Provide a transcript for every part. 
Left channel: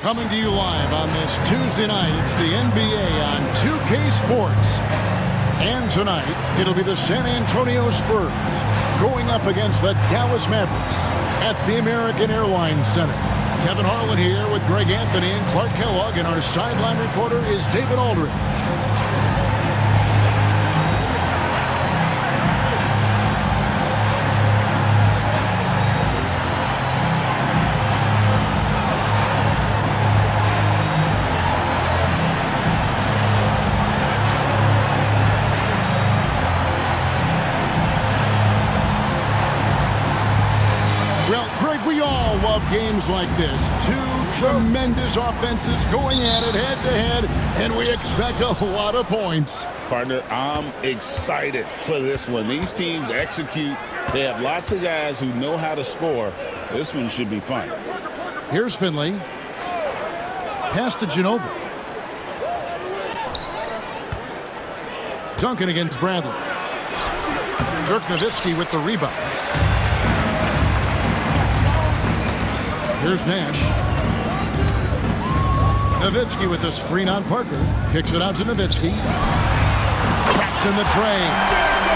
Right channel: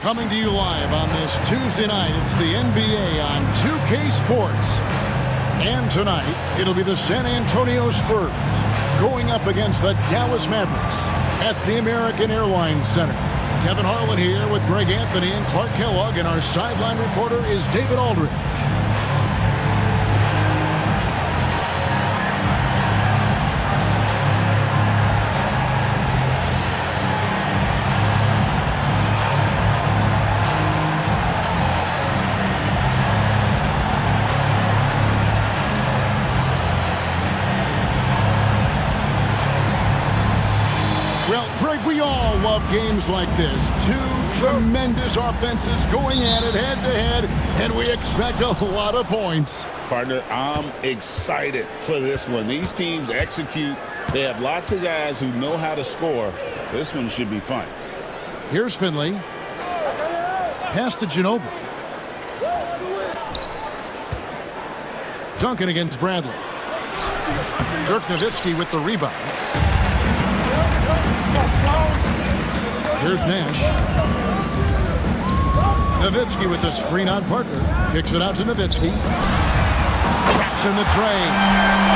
Coming to you live on this Tuesday night, it's the NBA on 2K Sports. And tonight, it'll be the San Antonio Spurs going up against the Dallas Mavericks at the American Airlines Center. Kevin Harlan here with Greg Anthony and Clark Kellogg, and our sideline reporter is David Aldridge. Well, Greg, we all love games like this. Two tremendous offenses going at it head-to-head, and we expect a lot of points. Partner, I'm excited for this one. These teams execute. They have lots of guys who know how to score. This one should be fun. Here's Finley. Pass to Ginobili. Duncan against Bradley. Dirk Nowitzki with the rebound. Here's Nash. Nowitzki with the screen on Parker. Kicks it out to Nowitzki. Traps in the tray.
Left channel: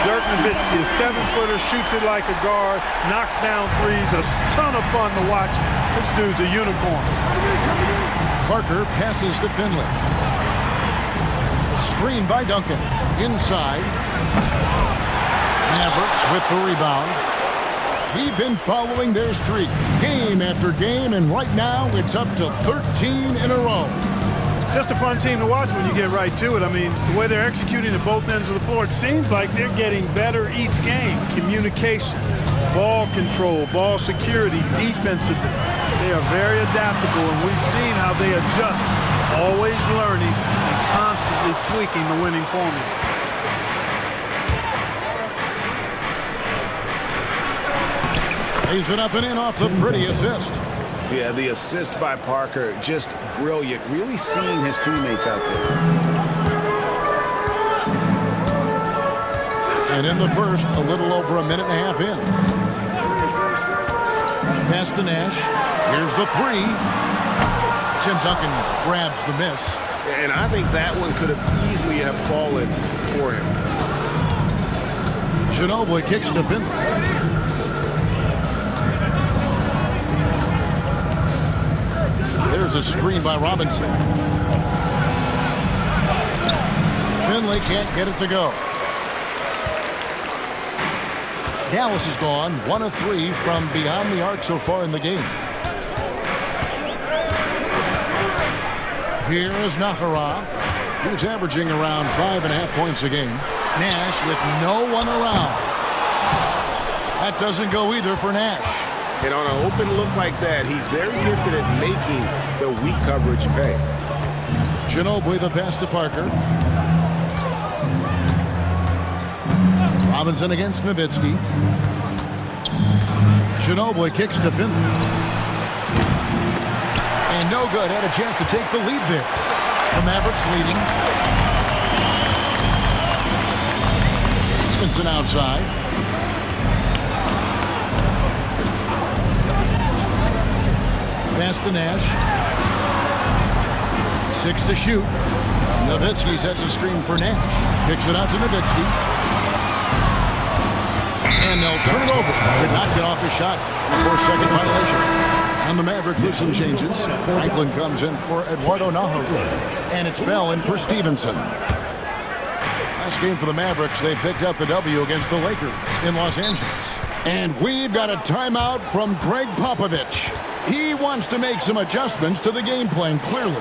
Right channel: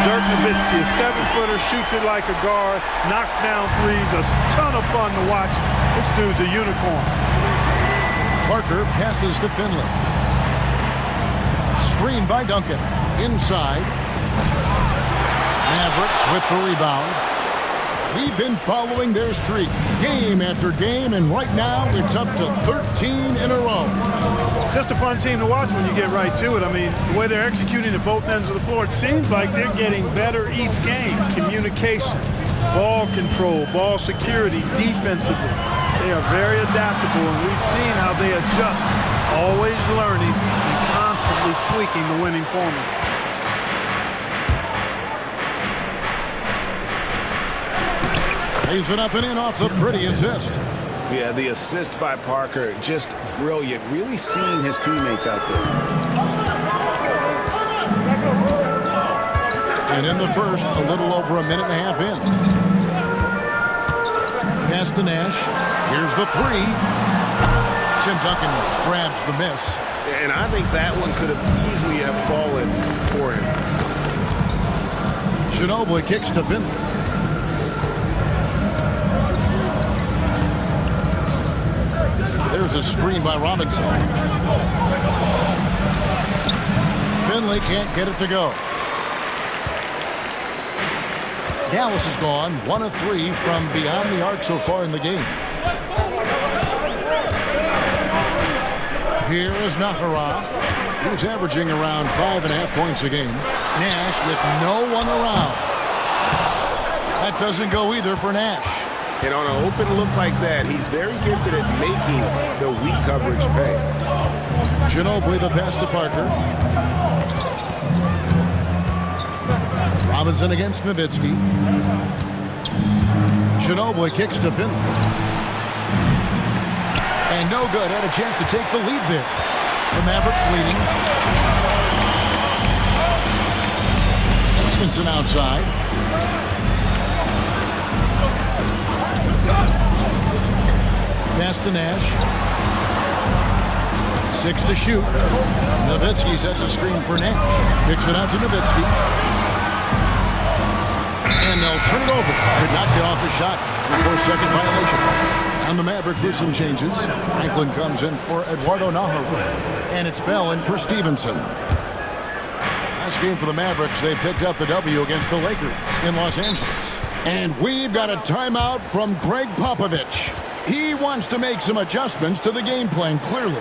Dirk Nowitzki, a 7-footer, shoots it like a guard, knocks down threes. A ton of fun to watch. This dude's a unicorn. Parker passes to Finley. Screen by Duncan. Inside. Mavericks with the rebound. We've been following their streak game after game, and right now it's up to 13 in a row. Just a fun team to watch when you get right to it. I mean, the way they're executing at both ends of the floor, it seems like they're getting better each game. Communication, ball control, ball security, defensively. They are very adaptable, and we've seen how they adjust, always learning and constantly tweaking the winning formula. Lays it up and in off the pretty assist. Yeah, the assist by Parker, just brilliant. Really seeing his teammates out there. And in the first, a little over a minute and a half in. Pass to Nash. Here's the three. Tim Duncan grabs the miss. And I think that one could have easily have fallen for him. Ginobili kicks to Finley. There's a screen by Robinson. Finley can't get it to go. Dallas has gone 1 of 3 from beyond the arc so far in the game. Here is Nahara, who's averaging around 5.5 points a game. Nash with no one around. That doesn't go either for Nash. And on an open look like that, he's very gifted at making the weak coverage pay. Ginobili the pass to Parker. Robinson against Nowitzki. Ginobili kicks to Finley. And no good. Had a chance to take the lead there. The Mavericks leading. Stevenson outside. Pass to Nash. 6 to shoot. Nowitzki sets a screen for Nash. Kicks it out to Nowitzki. And they'll turn it over. Could not get off his shot. 24-second violation. And the Mavericks with some changes. Franklin comes in for Eduardo Nahara. And it's Bell in for Stevenson. Last game for the Mavericks, they picked up the W against the Lakers in Los Angeles. And we've got a timeout from Greg Popovich. He wants to make some adjustments to the game plan, clearly.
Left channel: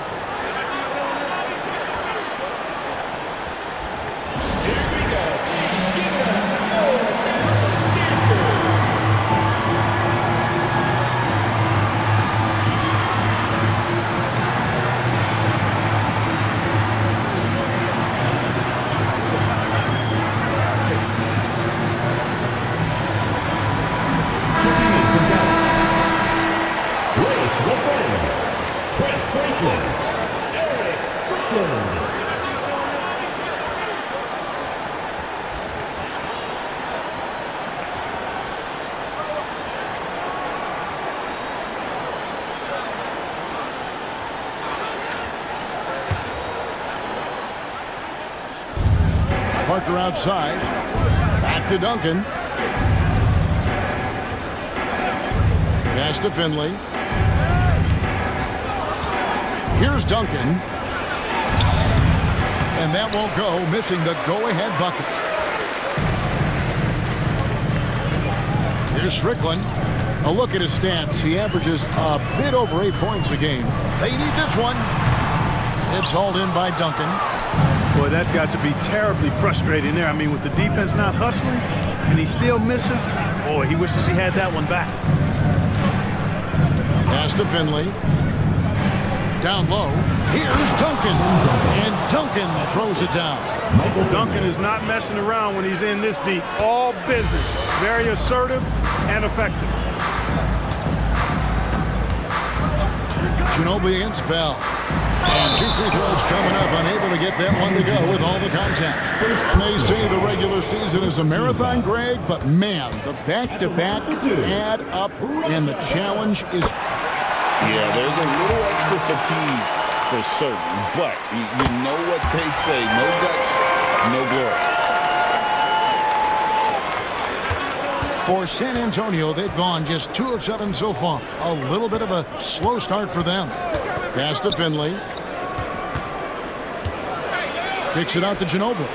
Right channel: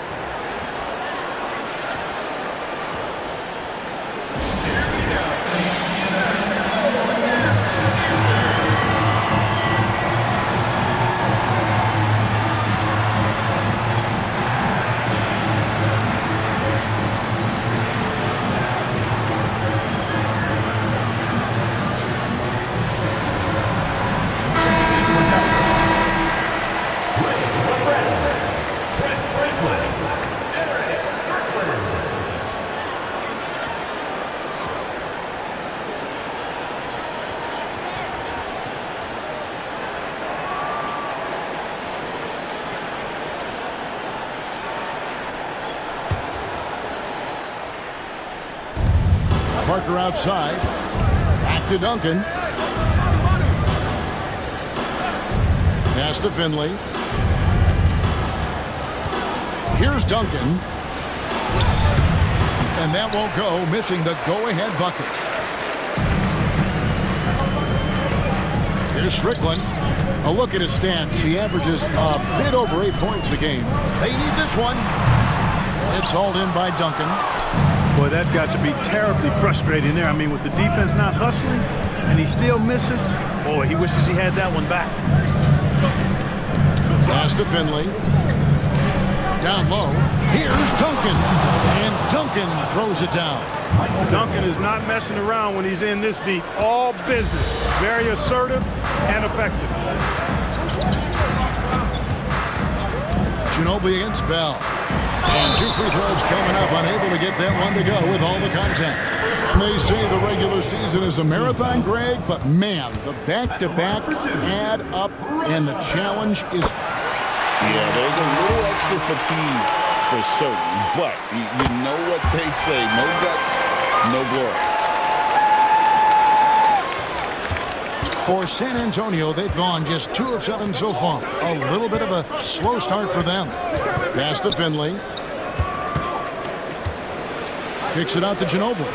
Parker outside. Back to Duncan. Pass to Finley. Here's Duncan. And that won't go, missing the go-ahead bucket. Here's Strickland. A look at his stats. He averages a bit over 8 points a game. They need this one. It's hauled in by Duncan. Boy, that's got to be terribly frustrating there. I mean, with the defense not hustling and he still misses, boy, he wishes he had that one back. Pass to Finley. Down low. Here's Duncan. And Duncan throws it down. Duncan is not messing around when he's in this deep. All business. Very assertive and effective. Ginobili against Bell. And 2 free throws coming up, unable to get that one to go with all the contact. And they say the regular season is a marathon, Greg, but man, the back-to-backs add up, and the challenge is... Yeah, there's a little extra fatigue for certain, but you know what they say, no guts, no glory. For San Antonio, they've gone just 2 of 7 so far. A little bit of a slow start for them. Pass to Finley. Kicks it out to Ginobili.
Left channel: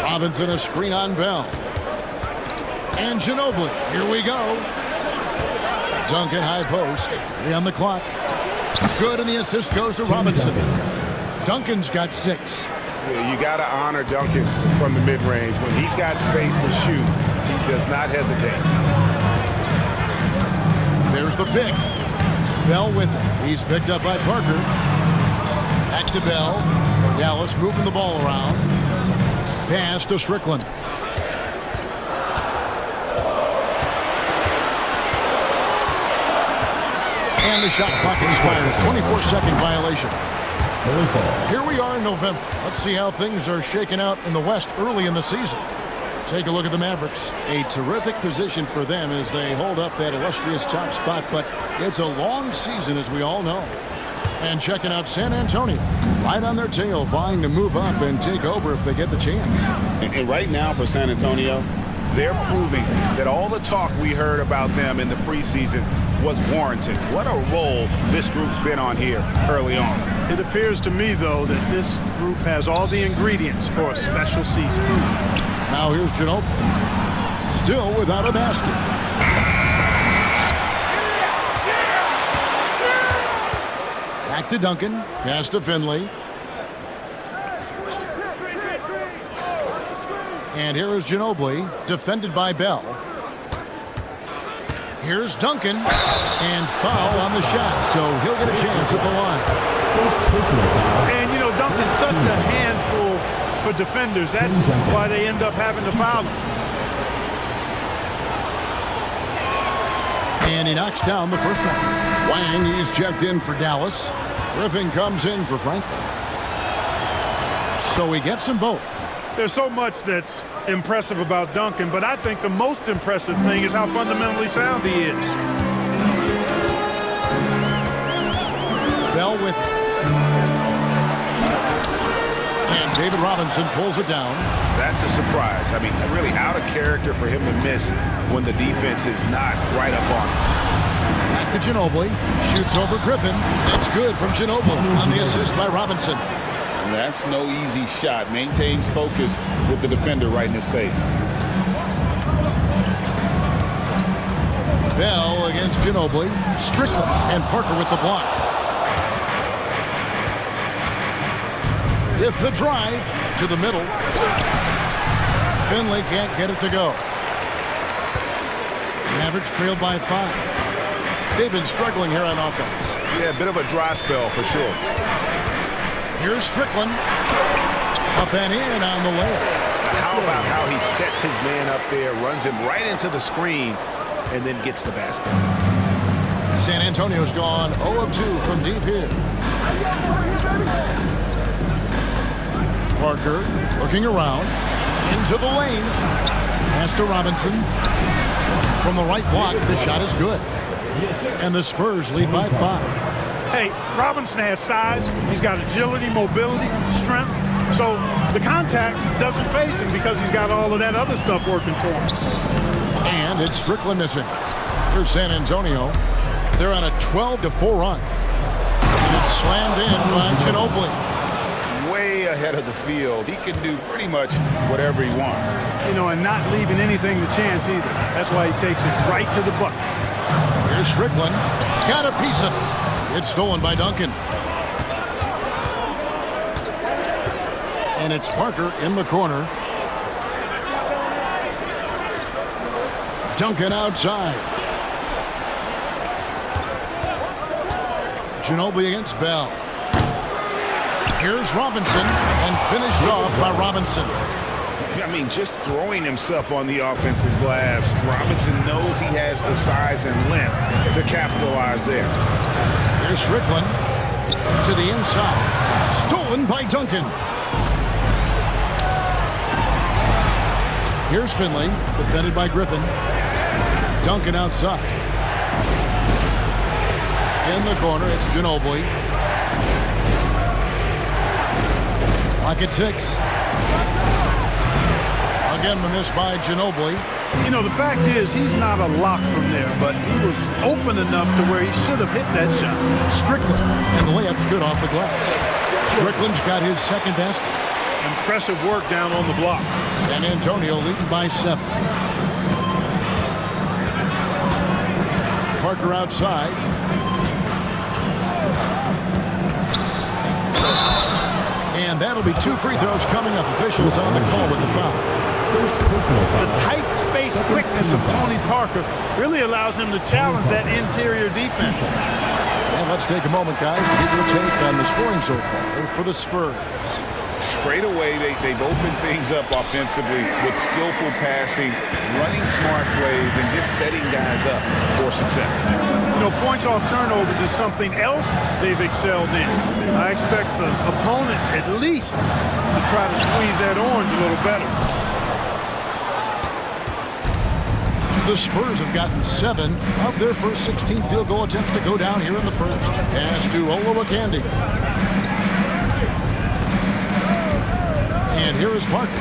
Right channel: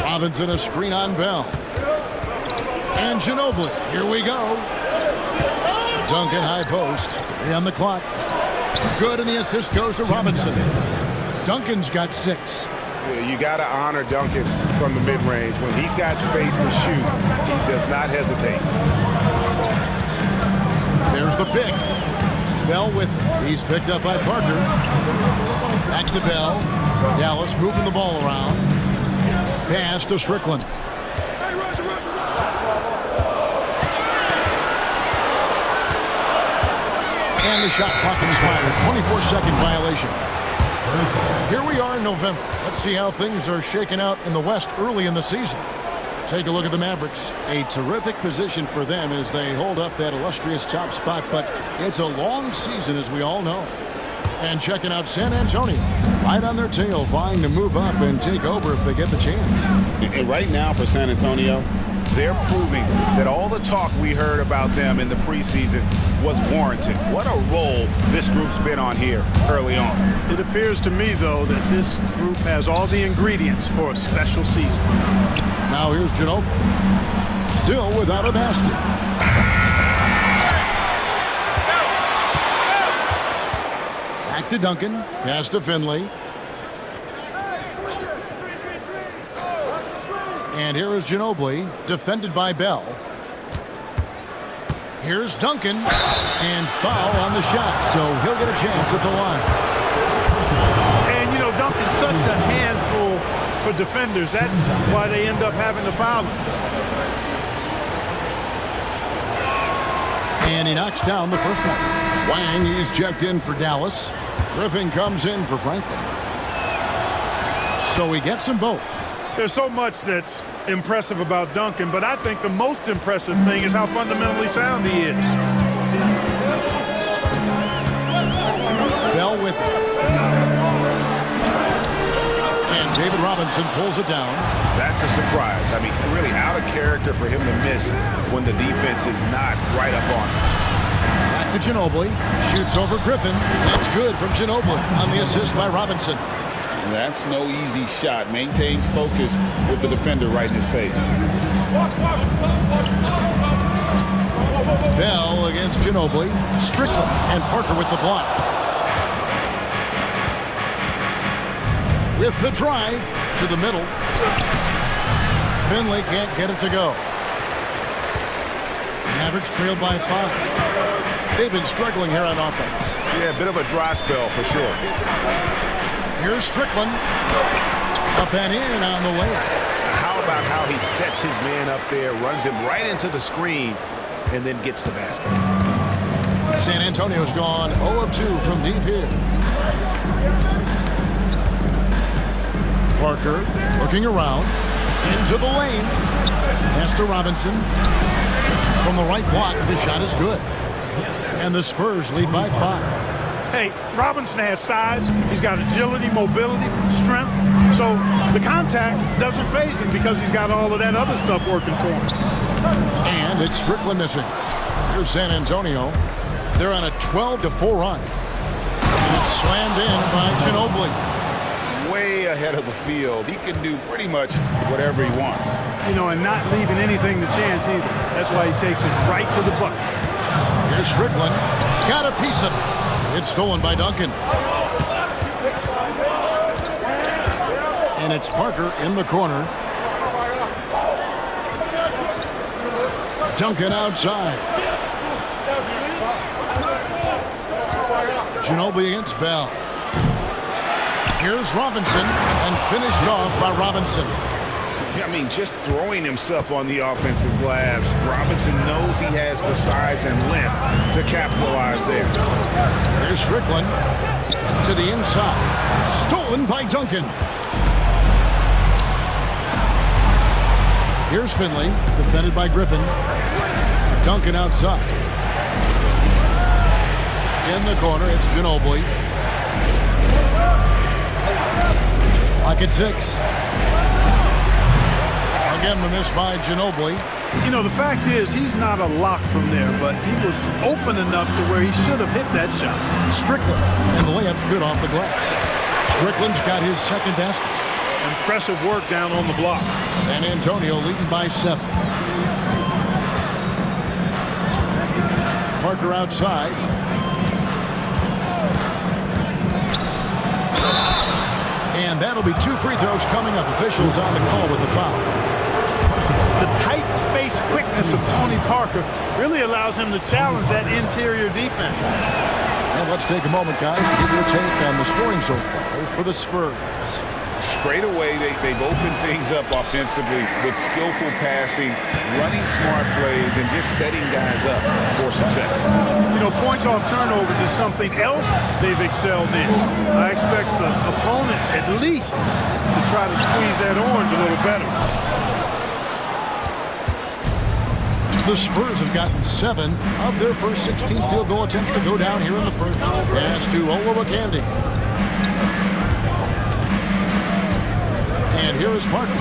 Robinson a screen on Bell. And Ginobili, here we go. Duncan high post. 3 on the clock. Good, and the assist goes to Robinson. Duncan's got 6. Yeah, you got to honor Duncan from the mid-range. When he's got space to shoot, he does not hesitate. There's the pick. Bell with it. He's picked up by Parker. Back to Bell. Dallas moving the ball around. Pass to Strickland. And the shot clock expires. 24-second violation. Here we are in November. Let's see how things are shaking out in the West early in the season. Take a look at the Mavericks. A terrific position for them as they hold up that illustrious top spot, but it's a long season, as we all know. And checking out San Antonio, right on their tail, vying to move up and take over if they get the chance. And right now for San Antonio, They're proving that all the talk we heard about them in the preseason was warranted. What a role this group's been on here early on. It appears to me, though, that this group has all the ingredients for a special season. Now here's Ginobili. Still without a basket. Back to Duncan. Pass to Finley. And here is Ginobili, defended by Bell. Here's Duncan, and foul on the shot, so he'll get a chance at the line. And, you know, Duncan's such a handful for defenders. That's why they end up having to foul him. And he knocks down the first one. Wang, he's checked in for Dallas. Griffin comes in for Franklin. So he gets them both. There's so much that's impressive about Duncan, but I think the most impressive thing is how fundamentally sound he is. Bell with it. And David Robinson pulls it down. That's a surprise. I mean, really out of character for him to miss when the defense is not right up on him. Back to Ginobili. Shoots over Griffin. That's good from Ginobili on the assist by Robinson. That's no easy shot. Maintains focus with the defender right in his face. Bell against Ginobili. Strickland and Parker with the block. With the drive to the middle. Finley can't get it to go. Mavericks trailed by 5. They've been struggling here on offense. Yeah, a bit of a dry spell for sure. Here's Strickland. Up and in on the layup. How about how he sets his man up there, runs him right into the screen, and then gets the basket. San Antonio's gone 0 of 2 from deep here. Parker looking around. Into the lane. Pass to Robinson. From the right block, the shot is good. And the Spurs lead by 5. Hey, Robinson has size. He's got agility, mobility, strength. So the contact doesn't faze him because he's got all of that other stuff working for him. And it's Strickland missing. Here's San Antonio. They're on a 12-4 run. And it's slammed in by Ginobili. Way ahead of the field. He can do pretty much whatever he wants. You know, and not leaving anything to chance either. That's why he takes it right to the bucket. Here's Strickland. Got a piece of it. It's stolen by Duncan. And it's Parker in the corner. Duncan outside. Ginobili against Bell. Here's Robinson, and finished off by Robinson. I mean, just throwing himself on the offensive glass. Robinson knows he has the size and length to capitalize there. Here's Strickland to the inside. Stolen by Duncan. Here's Finley, defended by Griffin. Duncan outside. In the corner, it's Ginobili. Lock at 6. Again, the miss by Ginobili. You know, the fact is, he's not a lock from there, but he was open enough to where he should have hit that shot. Strickland, and the layup's good off the glass. Strickland's got his second basket. Impressive work down on the block. San Antonio leading by 7. Parker outside. And that'll be 2 free throws coming up. Officials on the call with the foul. The tight space quickness of Tony Parker really allows him to challenge that interior defense. And let's take a moment, guys, to get your take on the scoring so far for the Spurs. Straight away, they've opened things up offensively with skillful passing, running smart plays, and just setting guys up for success. You know, points off turnovers is something else they've excelled in. I expect the opponent at least to try to squeeze that orange a little better. The Spurs have gotten 7 of their first 16 field goal attempts to go down here in the first. Pass to Olowokandi. And here is Parker.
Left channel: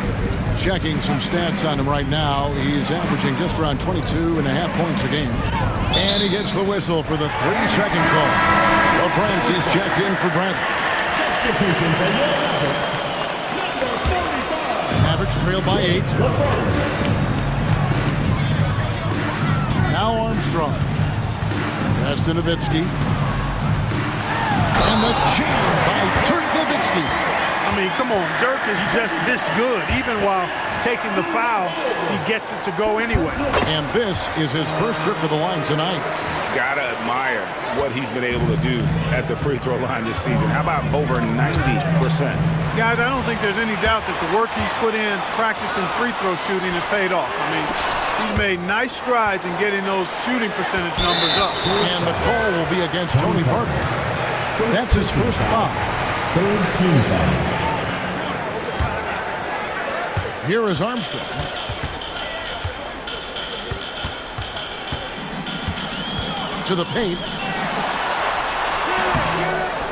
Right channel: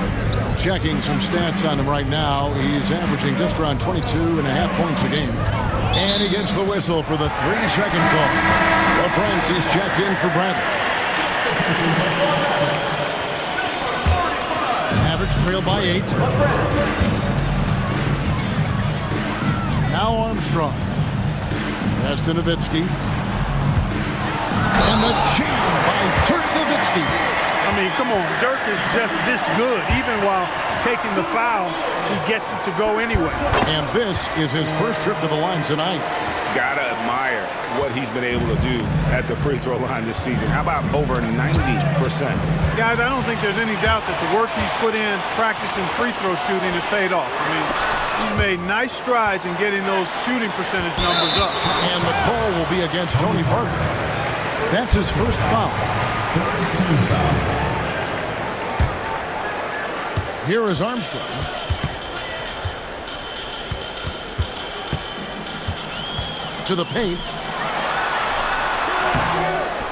Checking some stats on him right now. He's averaging just around 22.5 points a game. And he gets the whistle for the 3-second call. Well, Francis checked in for Bradley. Mavericks trail by 8. Now Armstrong. Pass to Nowitzki. And the jam by Dirk Nowitzki. I mean, come on, Dirk is just this good. Even while taking the foul, he gets it to go anyway. And this is his first trip to the line tonight. Gotta admire what he's been able to do at the free throw line this season. How about over 90%? Guys, I don't think there's any doubt that the work he's put in practicing free throw shooting has paid off. I mean, he's made nice strides in getting those shooting percentage numbers up. And the call will be against Tony Parker. That's his first foul. Third team foul. Here is Armstrong. To the paint.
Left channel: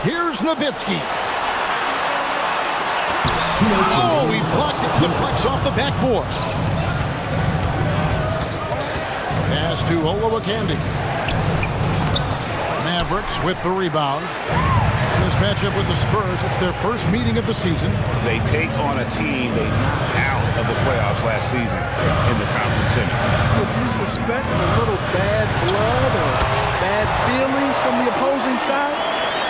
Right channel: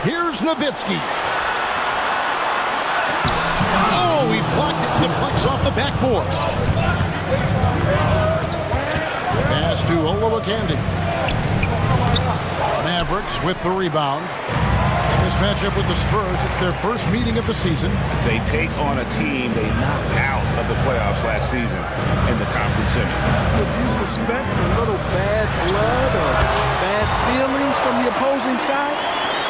Here's Nowitzki. Oh, he blocked it. Deflects off the backboard. Pass to Olowokandi. Mavericks with the rebound. In this matchup with the Spurs, it's their first meeting of the season. They take on a team they knocked out of the playoffs last season in the conference semis. Would you suspect a little bad blood or bad feelings from the opposing side?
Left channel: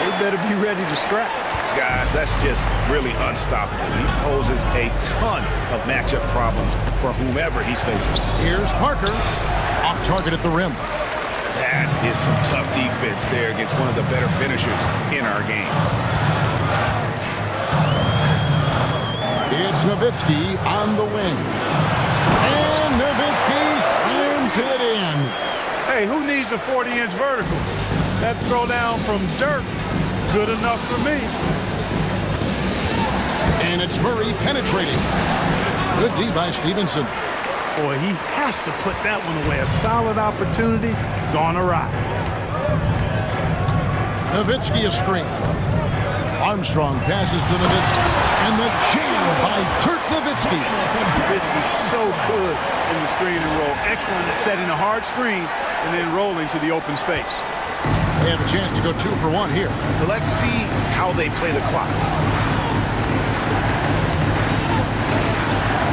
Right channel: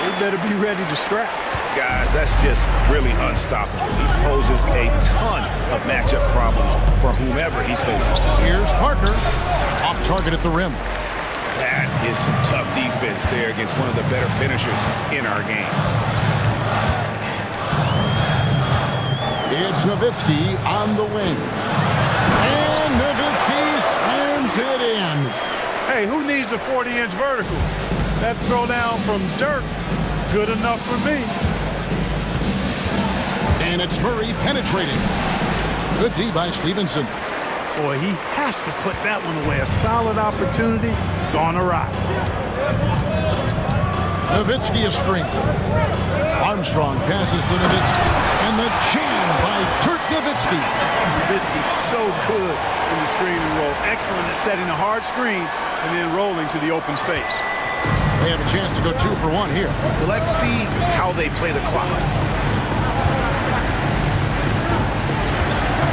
They better be ready to scrap. Guys, that's just really unstoppable. He poses a ton of matchup problems for whomever he's facing. Here's Parker. Off target at the rim. That is some tough defense there against one of the better finishers in our game. It's Nowitzki on the wing. And Nowitzki slams it in. Hey, who needs a 40-inch vertical? That throwdown from Dirk, good enough for me. And it's Murray penetrating. Good D by Stevenson. Boy, he has to put that one away. A solid opportunity, gone awry. Nowitzki a screen. Armstrong passes to Nowitzki, and the jam by Dirk Nowitzki. Nowitzki's so good in the screen and roll. Excellent at setting a hard screen and then rolling to the open space. They have a chance to go 2 for 1 here. But let's see how they play the clock.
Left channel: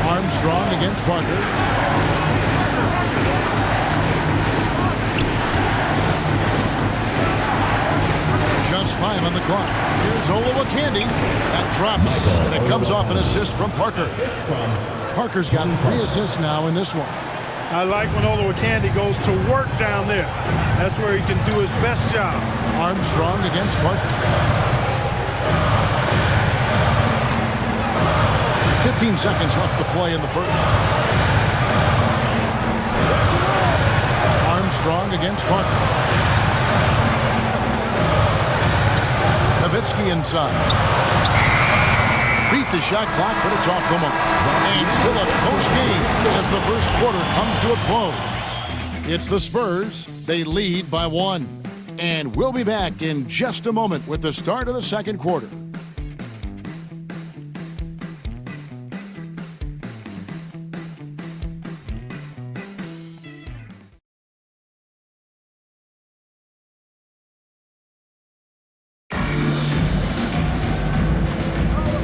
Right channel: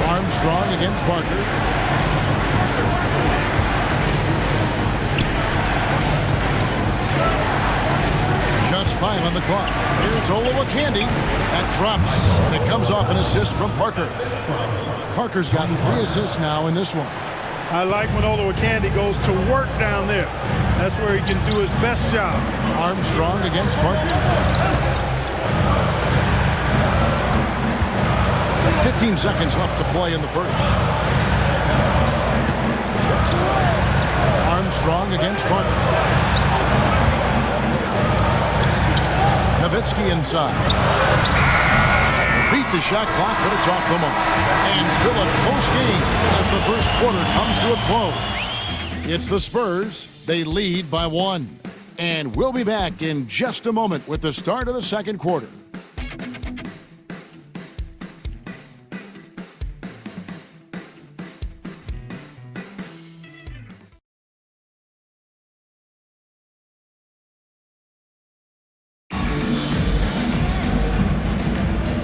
Armstrong against Parker. Just 5 on the clock. Here's Olowokandi. That drops, and it comes off an assist from Parker. Parker's got 3 assists now in this one. I like when Olowokandi goes to work down there. That's where he can do his best job. Armstrong against Parker. 15 seconds left to play in the first. Armstrong against Parker. Nowitzki inside. Beat the shot clock, but it's off the mark. And still a close game as the first quarter comes to a close. It's the Spurs. They lead by 1. And we'll be back in just a moment with the start of the second quarter.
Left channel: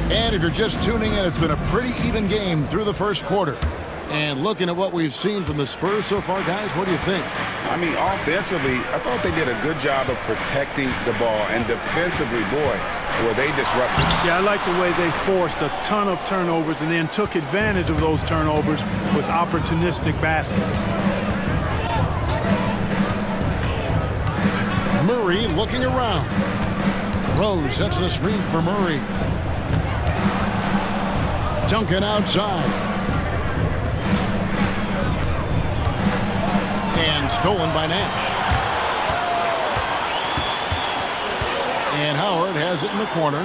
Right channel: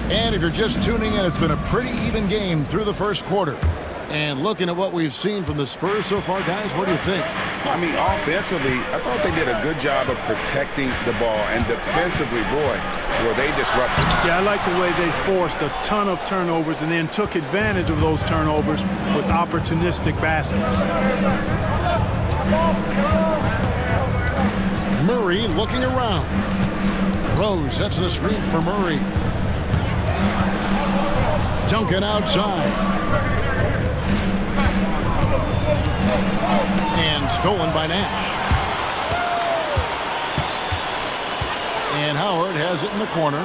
And if you're just tuning in, it's been a pretty even game through the first quarter. And looking at what we've seen from the Spurs so far, guys, what do you think? I mean, offensively, I thought they did a good job of protecting the ball. And defensively, boy, were they disruptive. Yeah, I like the way they forced a ton of turnovers and then took advantage of those turnovers with opportunistic baskets. Murray looking around. Rose sets the screen for Murray. Duncan outside. And stolen by Nash. And Howard has it in the corner.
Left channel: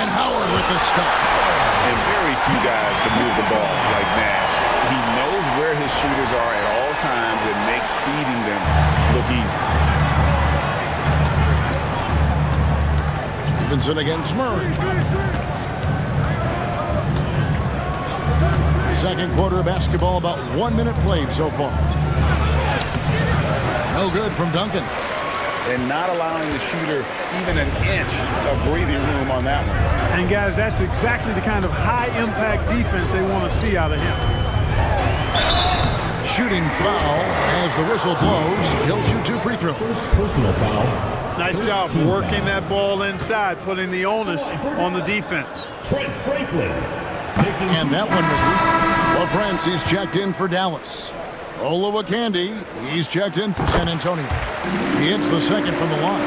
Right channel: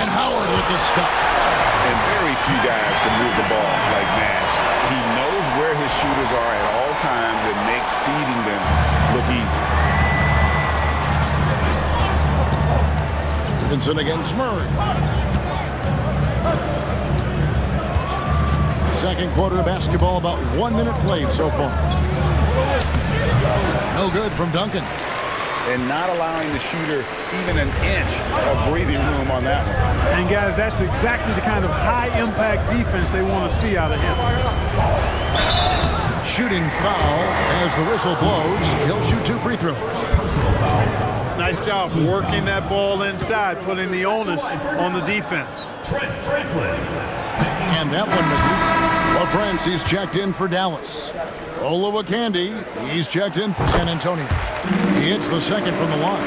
And Howard with the stuff. And very few guys can move the ball like Nash. He knows where his shooters are at all times and makes feeding them look easy. Stevenson against Murray. Second quarter of basketball, about 1 minute played so far. No good from Duncan. And not allowing the shooter even an inch of breathing room on that one. And guys, that's exactly the kind of high-impact defense they want to see out of him. Shooting foul as the whistle blows. He'll shoot 2 free throws. Personal foul. Nice job working that ball inside, putting the onus on the defense. Trent Franklin. And that one misses. LaFrancie's checked in for Dallas. Olowokandi, he's checked in for San Antonio. He hits the second from the line.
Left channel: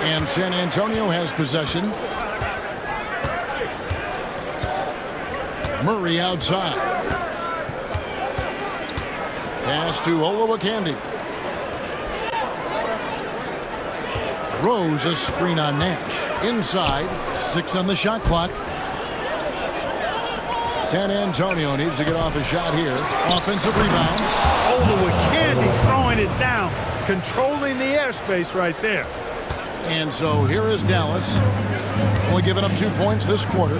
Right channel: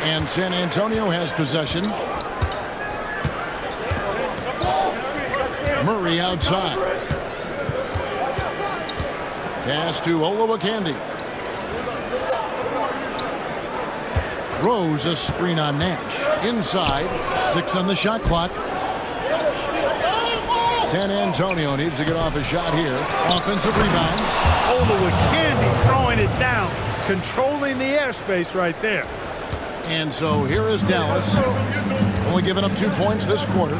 And San Antonio has possession. Murray outside. Pass to Olowokandi. Rose a screen on Nash. Inside, 6 on the shot clock. San Antonio needs to get off a shot here. Offensive rebound. Olowokandi throwing it down, controlling the airspace right there. And so here is Dallas. Only giving up 2 points this quarter.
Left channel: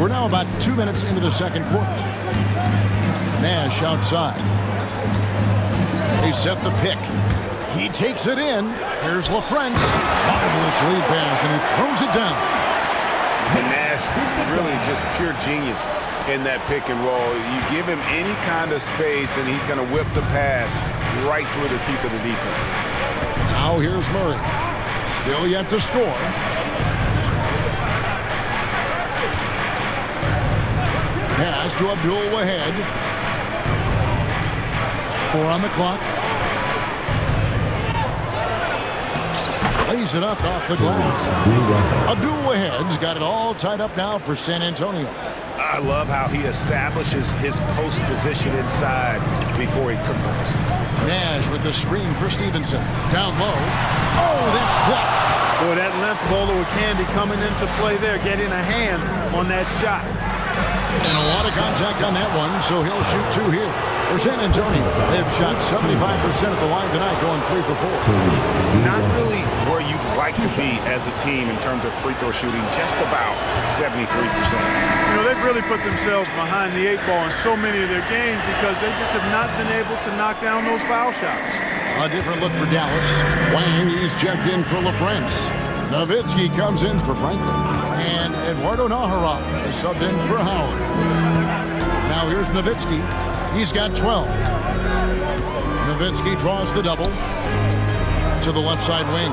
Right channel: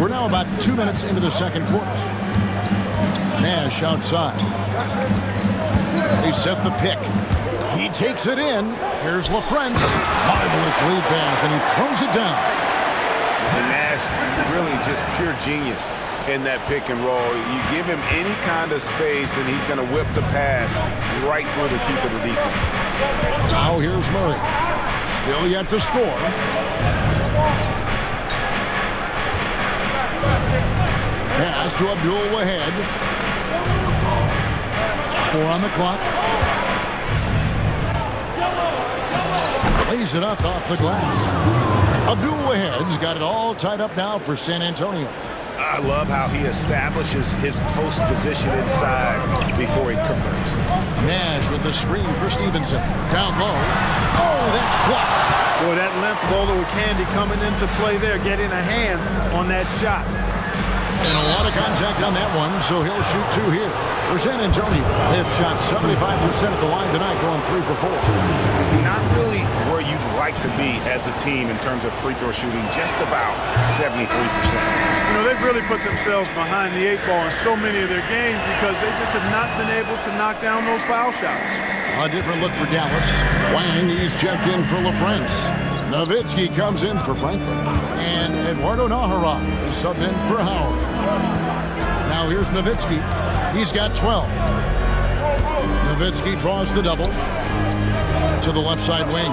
We're now about 2 minutes into the second quarter. Nash outside. They set the pick. He takes it in. Here's LaFrance. Marvelous lead pass, and he throws it down. And Nash really just pure genius in that pick and roll. You give him any kind of space, and he's going to whip the pass right through the teeth of the defense. Now here's Murray. Still yet to score. Pass to Abdul-Wahid. 4 on the clock. Lays it up off the glass. Abdul-Wahid's got it all tied up now for San Antonio. I love how he establishes his post position inside before he converts. Nash with the screen for Stevenson. Down low. Oh, that's blocked. Boy, that length of Olowokandi coming into play there, getting a hand on that shot. And a lot of contact on that one, so he'll shoot 2 here. For San Antonio, they've shot 75% at the line tonight, going 3 for 4. Not really where you'd like to be as a team in terms of free throw shooting, just about 73%. You know, they've really put themselves behind the 8 ball in so many of their games because they just have not been able to knock down those foul shots. A different look for Dallas. Wang, he's checked in for LaFrance. Nowitzki comes in for Franklin. And Eduardo Nahara is subbed in for Howard. Now here's Nowitzki. He's got 12. Nowitzki draws the double to the left side wing.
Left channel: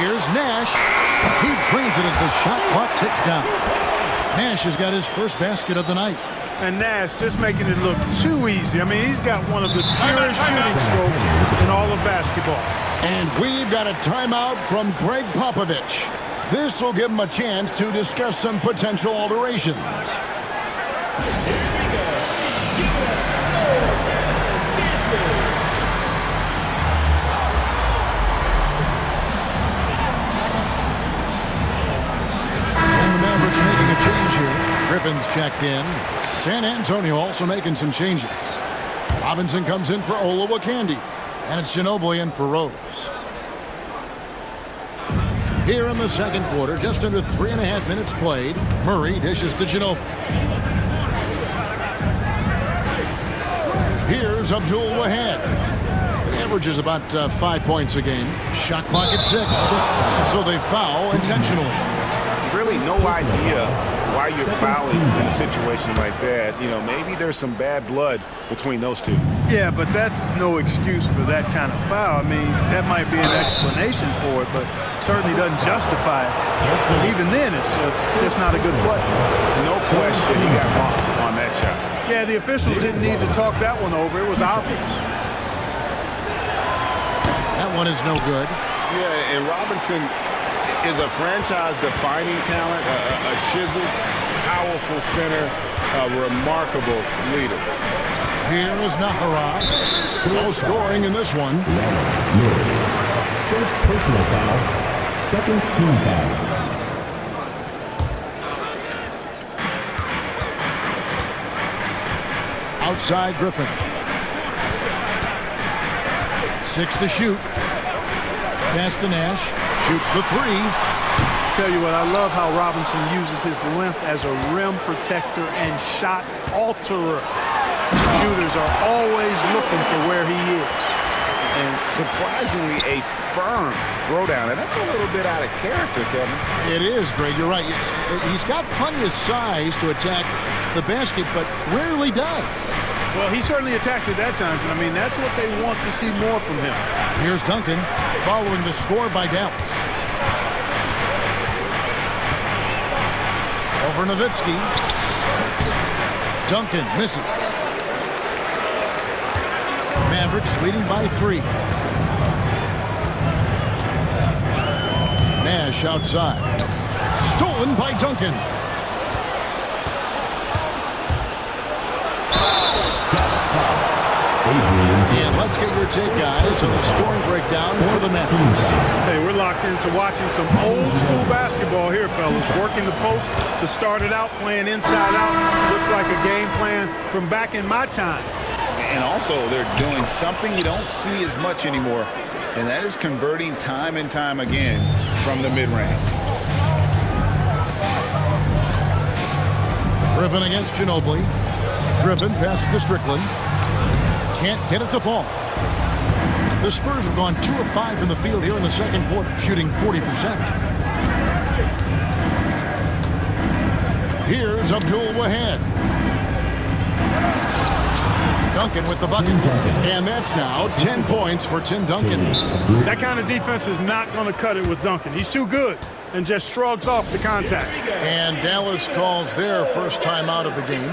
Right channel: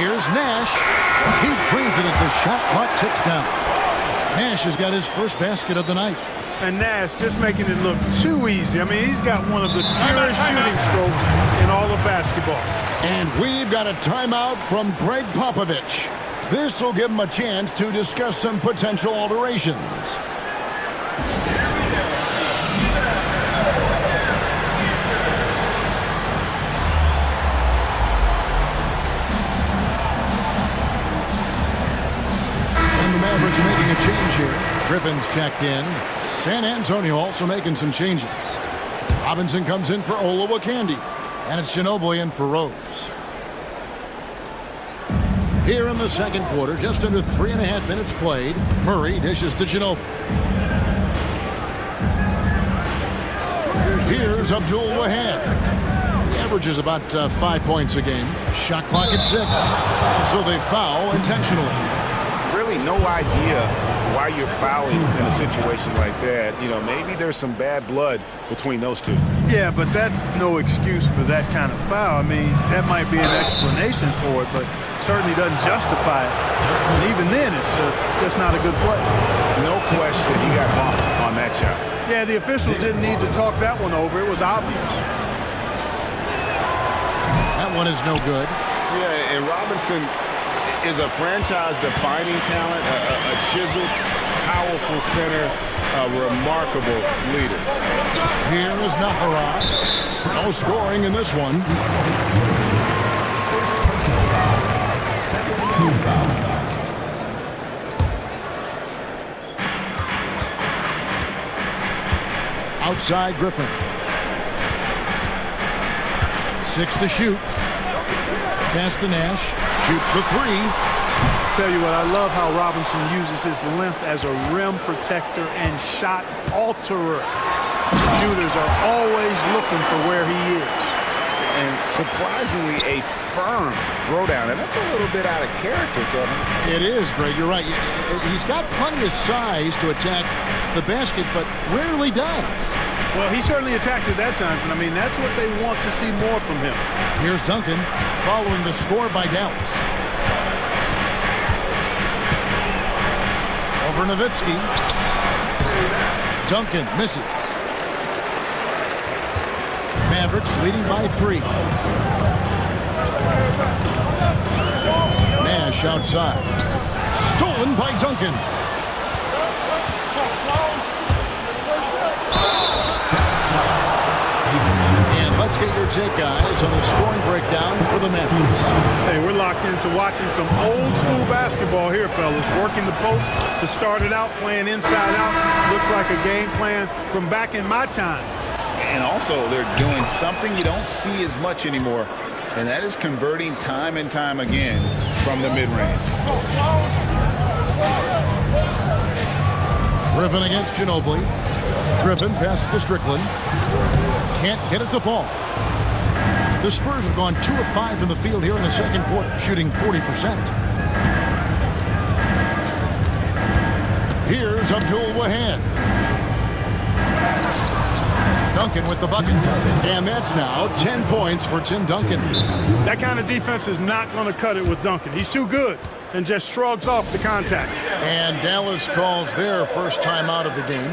Here's Nash. He drains it as the shot clock ticks down. Nash has got his first basket of the night. And Nash just making it look too easy. I mean, he's got one of the purest shooting strokes in all of basketball. And we've got a timeout from Greg Popovich. This will give him a chance to discuss some potential alterations. And the Mavericks making a change here. Griffin's checked in. San Antonio also making some changes. Robinson comes in for Olowokandi. And it's Ginobili in for Rose. Here in the second quarter, just under 3.5 minutes played, Murray dishes to Ginobili. Here's Abdul Wahab. He averages about 5 points a game. Shot clock at 6. So they foul intentionally. Really no idea why you're fouling in a situation like that. You know, maybe there's some bad blood between those two. Yeah, but that's no excuse for that kind of foul. I mean, that might be an explanation for it, but certainly doesn't justify it. And even then, it's just not a good play. No question he got bumped on that shot. Yeah, the officials didn't need to talk that one over. It was obvious. That one is no good. Yeah, and Robinson is a franchise-defining talent, a chiseled, powerful center, a remarkable leader. Here is Nahara. No scoring in this one. First personal foul, second team foul. Outside Griffin. 6 to shoot. Pass to Nash. Shoots the 3. Tell you what, I love how Robinson uses his length as a rim protector and shot alterer. Shooters are always looking for where he is. And surprisingly, a firm throwdown. And that's a little bit out of character, Kevin. It is, Greg. You're right. He's got plenty of size to attack the basket, but rarely does. Well, he certainly attacked it that time, but I mean, that's what they want to see more from him. Here's Duncan following the score by Dallas. Over Nowitzki. Duncan misses. Mavericks leading by 3. Nash outside. Stolen by Duncan. And let's get your take, guys, on the scoring breakdown for the Mavericks. Hey, we're locked into watching some old school basketball here, fellas. Working the post to start it out, playing inside out. Looks like a game plan from back in my time. And also, they're doing something you don't see as much anymore, and that is converting time and time again from the mid-range. Griffin against Ginobili. Griffin passes to Strickland. Can't get it to fall. The Spurs have gone 2 of 5 from the field here in the second quarter, shooting 40%. Here's Abdul Wahab. Duncan with the bucket. And that's now 10 points for Tim Duncan. That kind of defense is not going to cut it with Duncan. He's too good and just shrugs off the contact. And Dallas calls their first timeout of the game.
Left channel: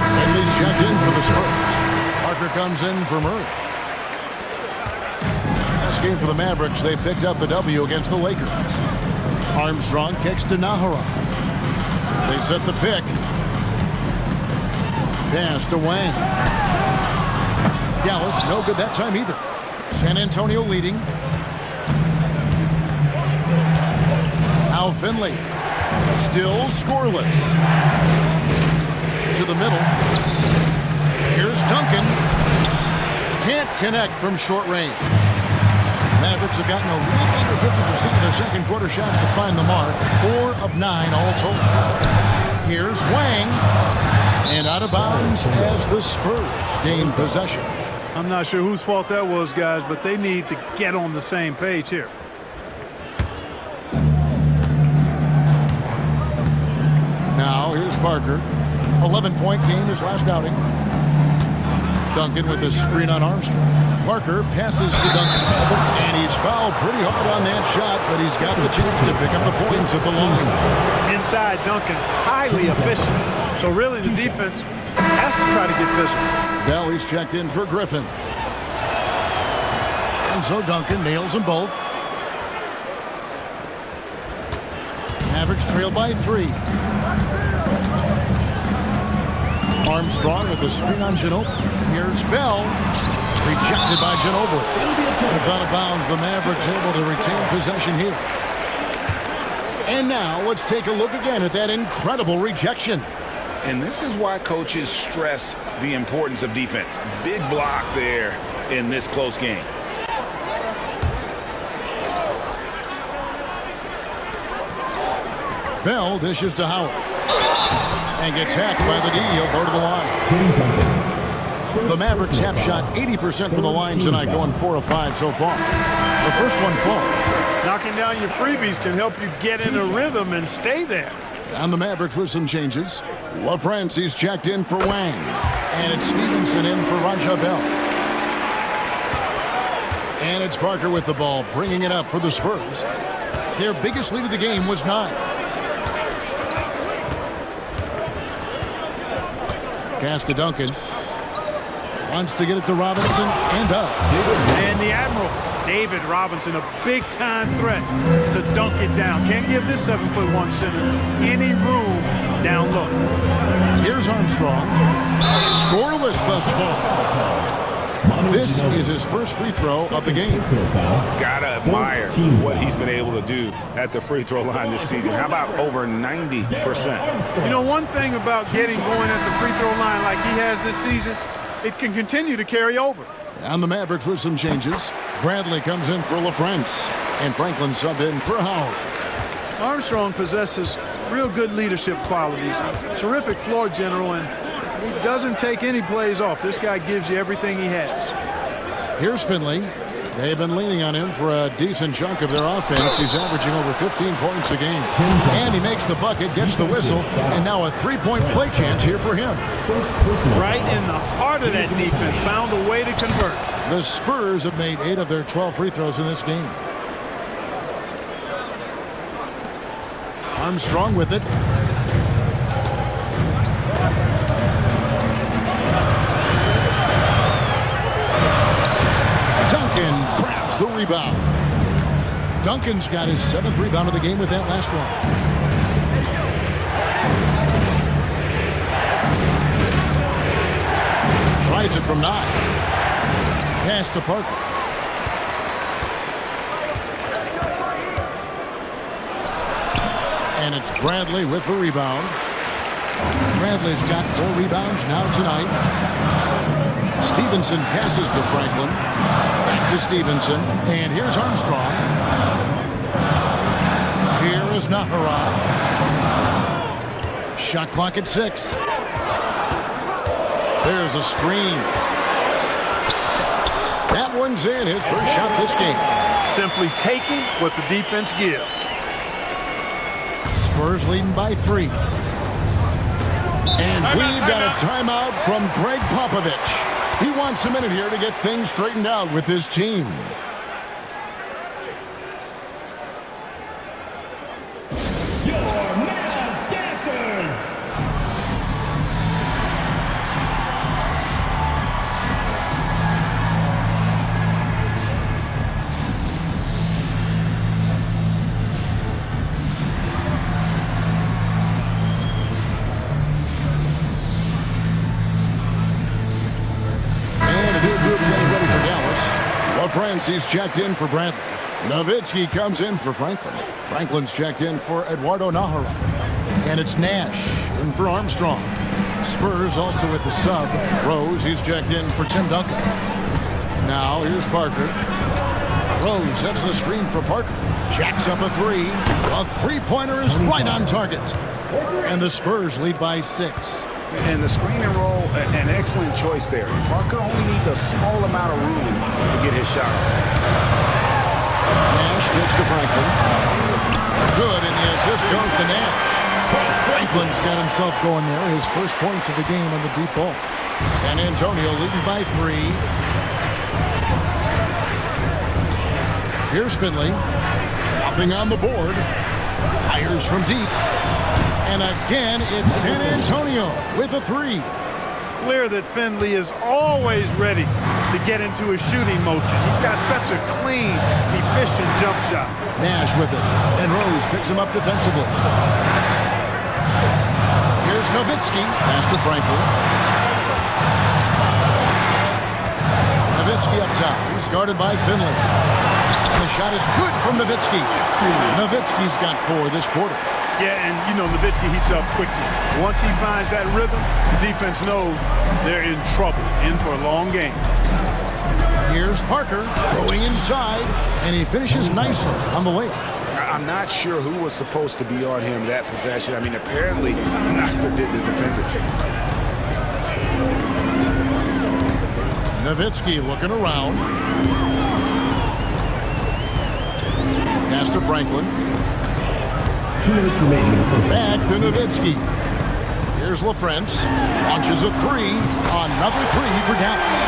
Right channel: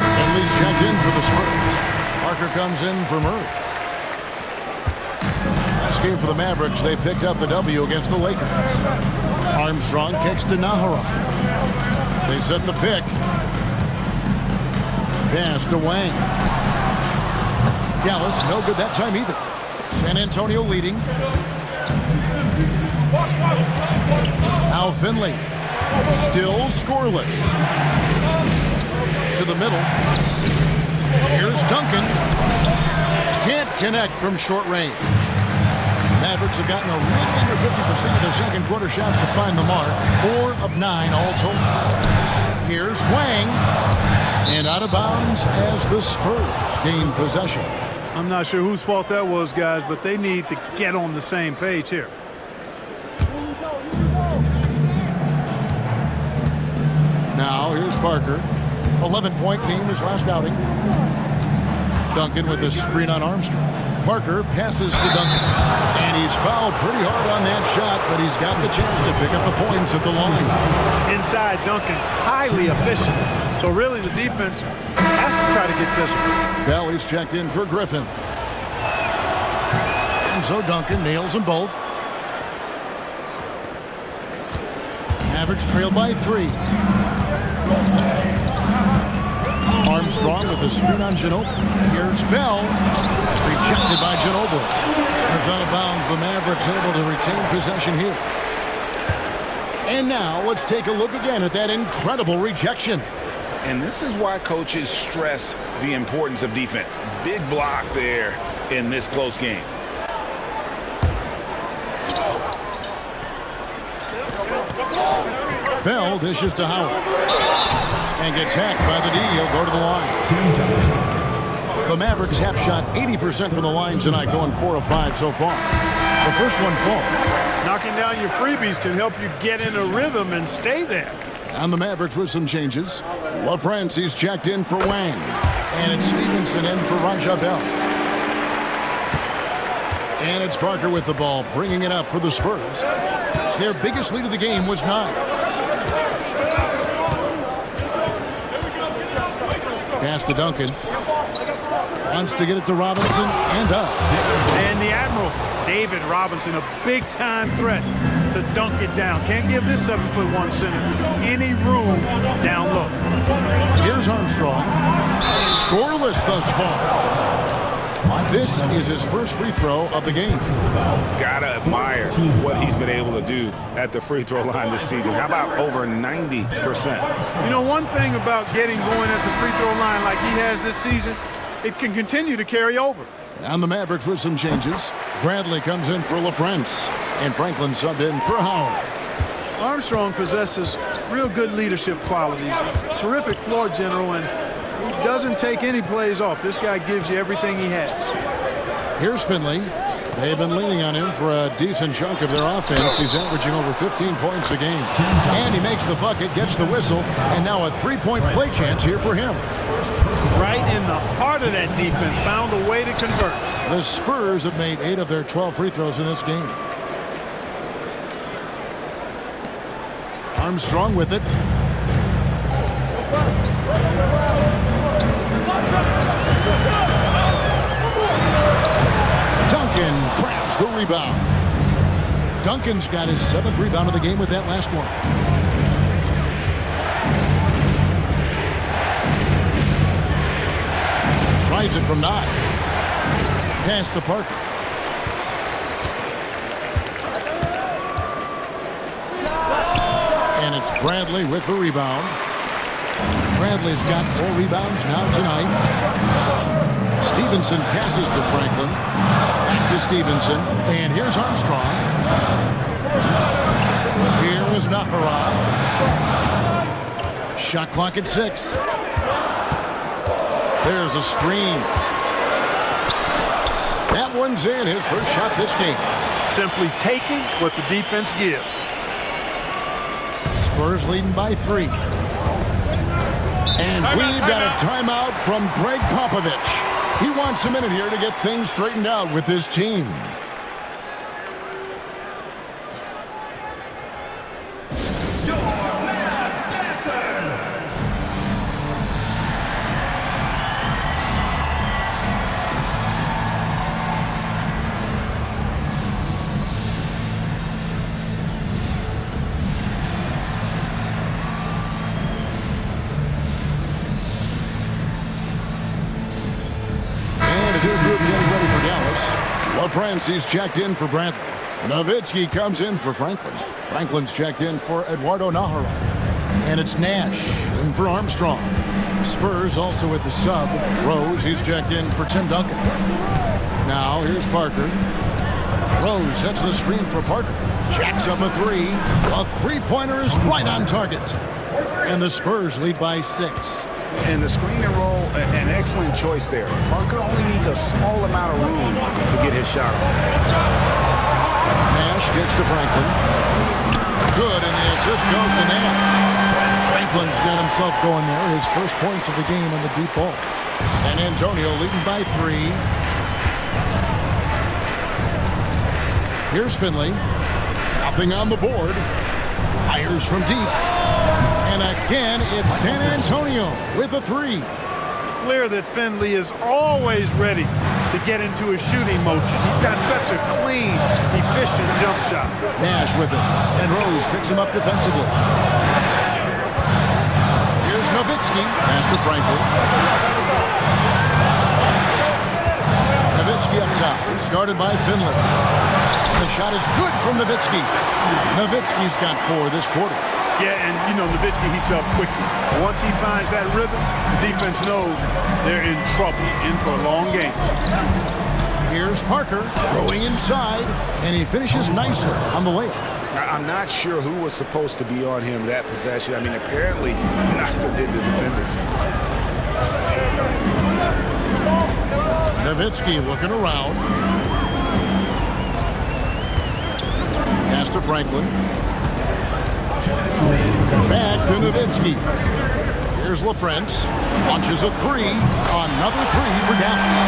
Henley's checked in for the Spurs. Parker comes in for Murray. Last game for the Mavericks, they picked up the W against the Lakers. Armstrong kicks to Nahara. They set the pick. Pass to Wang. Dallas, no good that time either. San Antonio leading. Now Finley. Still scoreless. To the middle. Here's Duncan. Can't connect from short range. Mavericks have gotten a little under 50% of their second quarter shots to find the mark. 4 of 9 all told. Here's Wang. And out of bounds as the Spurs gain possession. I'm not sure whose fault that was, guys, but they need to get on the same page here. Now here's Parker. 11-point game his last outing. Duncan with a screen on Armstrong. Parker passes to Duncan. And he's fouled pretty hard on that shot, but he's got the chance to pick up the points at the line. Inside Duncan, highly efficient. So really the defense has to try to get physical. Belly's checked in for Griffin. And so Duncan nails them both. Mavericks trail by 3. Armstrong with the screen on Ginobili. Here's Bell. Rejected by Ginobili. That's out of bounds. The Mavericks able to retain possession here. And now let's take a look again at that incredible rejection. And this is why coaches stress the importance of defense. Big block there in this close game. Bell dishes to Howard. And gets hacked by the D. He'll go to the line. The Mavericks have shot 80% from the line tonight, going 4 of 5 so far. The first one falls. Knocking down your freebies can help you get in a rhythm and stay there. And the Mavericks with some changes. LaFrancis checked in for Wang. And it's Stevenson in for Raja Bell. And it's Parker with the ball, bringing it up for the Spurs. Their biggest lead of the game was 9. Pass to Duncan. Wants to get it to Robinson and up. And the Admiral, David Robinson, a big-time threat to dunk it down. Can't give this 7'1" center any room down low. Here's Armstrong. Scoreless thus far. This is his first free throw of the game. Gotta admire what he's been able to do at the free throw line this season. How about over 90%? You know, one thing about getting going at the free throw line like he has this season, it can continue to carry over. And the Mavericks with some changes. Bradley comes in for LaFrance. And Franklin subbed in for Howard. Armstrong possesses real good leadership qualities. Terrific floor general, and he doesn't take any plays off. This guy gives you everything he has. Here's Finley. They've been leaning on him for a decent chunk of their offense. He's averaging over 15 points a game. And he makes the bucket, gets the whistle, and now a three-point play chance here for him. Right in the heart of that defense, found a way to convert. The Spurs have made 8 of their 12 free throws in this game. Armstrong with it. Duncan grabs the rebound. Duncan's got his 7th rebound of the game with that last one. Tries it from 9. Pass to Parker. And it's Bradley with the rebound. Bradley's got 4 rebounds now tonight. Stevenson passes to Franklin. Back to Stevenson. And here's Armstrong. Here is Nahara. Shot clock at 6. There's a screen. That one's in. His first shot this game. Simply taking what the defense gives. Spurs leading by 3. And we've got a timeout from Greg Popovich. He wants a minute here to get things straightened out with his team. Your Mavs Dancers. LaFrance, he's checked in for Bradley. Nowitzki comes in for Franklin. Franklin's checked in for Eduardo Nahara. And it's Nash in for Armstrong. The Spurs also with the sub. Rose, he's checked in for Tim Duncan. Now here's Parker. Rose sets the screen for Parker. Jacks up a three. A three-pointer is right on target. And the Spurs lead by 6. And the screen and roll, an excellent choice there. Parker only needs a small amount of room to get his shot off. Nash gets to Franklin. Good, and the assist goes to Nash. Franklin's got himself going there. His first points of the game on the deep ball. San Antonio leading by 3. Here's Finley. Nothing on the board. Fires from deep. And again, it's San Antonio with a 3. Clear that Finley is always ready to get into a shooting motion. He's got such a clean, efficient jump shot. Nash with it, and Rose picks him up defensively. Here's Nowitzki, pass to Franklin. Nowitzki up top, he's guarded by Finley. And the shot is good from Nowitzki. Nowitzki's got 4 this quarter. Yeah, and you know, Nowitzki heats up quickly. Once he finds that rhythm, the defense knows they're in trouble, in for a long game. Here's Parker going inside, and he finishes nicely on the layup. I'm not sure who was supposed to be on him that possession. I mean, apparently neither did the defenders. Nowitzki looking around. Pass to Franklin. 2 minutes remaining. Back to Nowitzki. Here's LaFrance. Launches a 3. Another 3 for Dallas.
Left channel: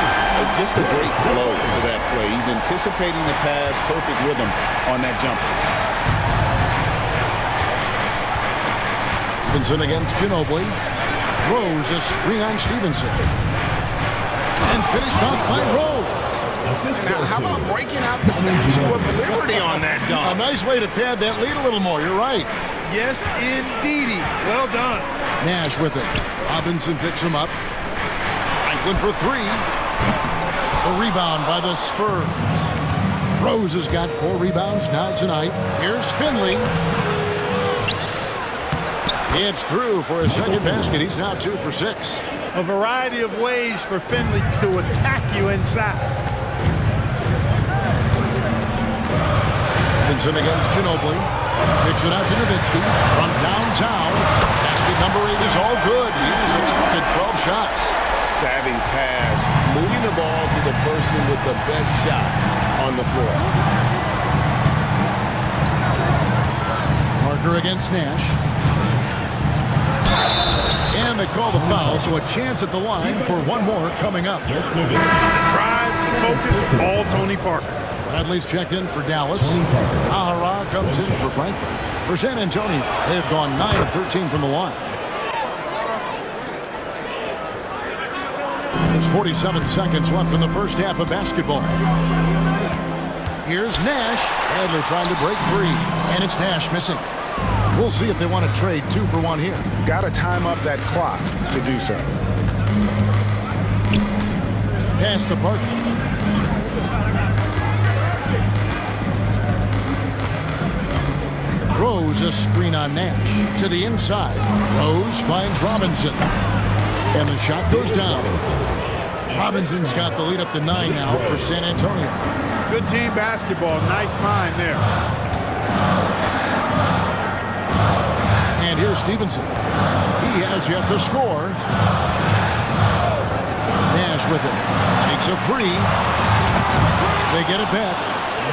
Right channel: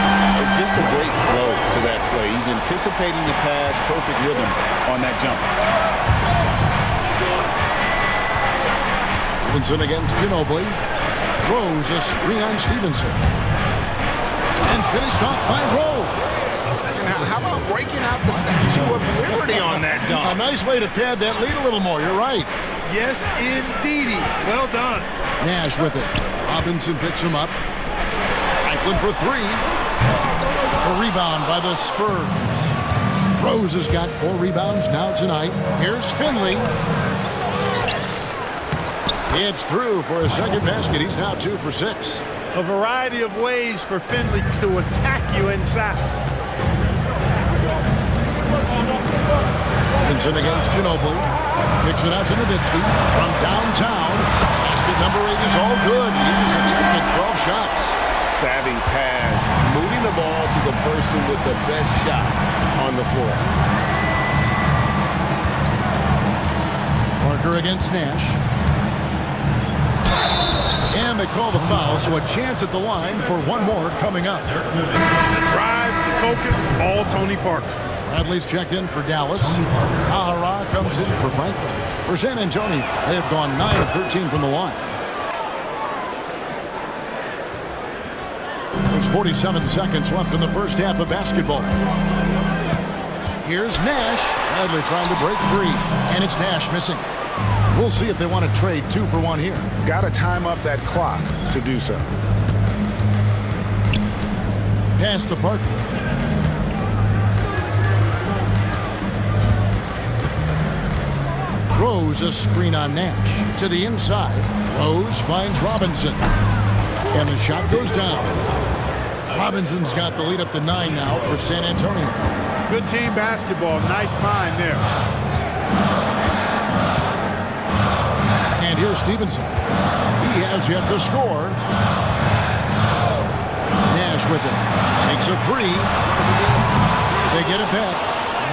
Just a great flow to that play. He's anticipating the pass, perfect rhythm on that jumper. Stevenson against Ginobili. Rose a screen on Stevenson. And finished off by Rose. Now, how about breaking out the Statue of Liberty on that dunk? A nice way to pad that lead a little more. You're right. Yes, indeedy. Well done. Nash with it. Robinson picks him up. Franklin for 3. A rebound by the Spurs. Rose has got 4 rebounds now tonight. Here's Finley. It's through for a second basket. He's now 2 for 6. A variety of ways for Finley to attack you inside. Stevenson against Ginobili. Kicks it out to Nowitzki from downtown. Basket number 8 is all good. He's attempted 12 shots. Savvy pass, moving the ball to the person with the best shot on the floor. Parker against Nash. And they call the foul, so a chance at the line for one more coming up. The drive, the focus, all Tony Parker. Bradley's checked in for Dallas. Nahara comes in for Franklin. For San Antonio, they have gone 9 of 13 from the line. There's 47 seconds left in the first half of basketball. Here's Nash. Bradley trying to break free, and it's Nash missing. We'll see if they want to trade 2 for 1 here. Got to time up that clock to do so. Pass to Parker. Rose a screen on Nash. To the inside. Rose finds Robinson. And the shot goes down. Robinson's got the lead up to 9 now for San Antonio. Good team basketball. Nice find there. And here's Stevenson. He has yet to score. Nash with it. Takes a 3. They get it back.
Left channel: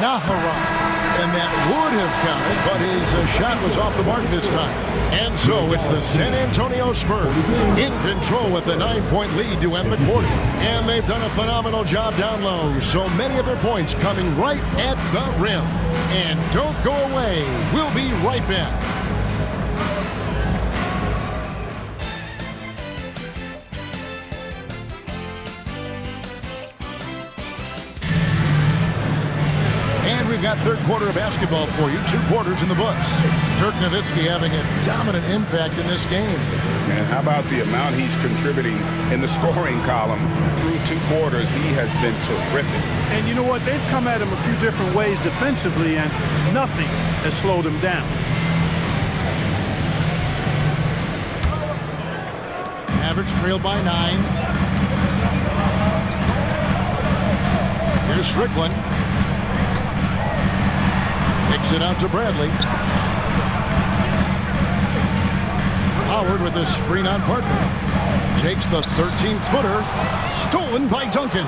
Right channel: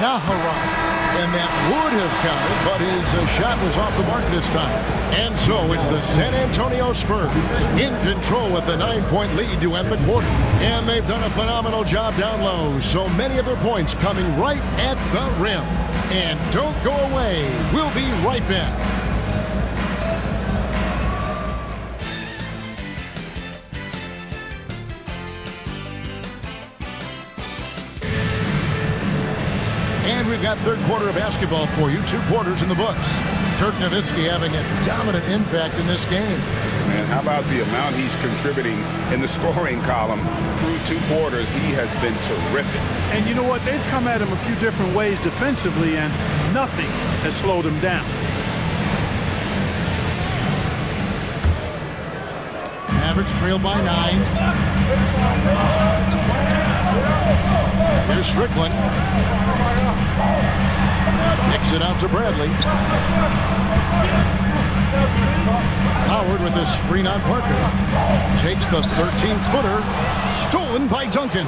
Nahara. And that would have counted, but his shot was off the mark this time. And so it's the San Antonio Spurs in control with the 9-point lead to end the quarter. And they've done a phenomenal job down low. So many of their points coming right at the rim. And don't go away. We'll be right back. And we've got third quarter of basketball for you. 2 quarters in the books. Dirk Nowitzki having a dominant impact in this game. And how about the amount he's contributing in the scoring column through 2 quarters? He has been terrific. And you know what? They've come at him a few different ways defensively, and nothing has slowed him down. Mavericks trail by 9. Here's Strickland. Kicks it out to Bradley. Howard with this screen on Parker. Takes the 13-footer. Stolen by Duncan.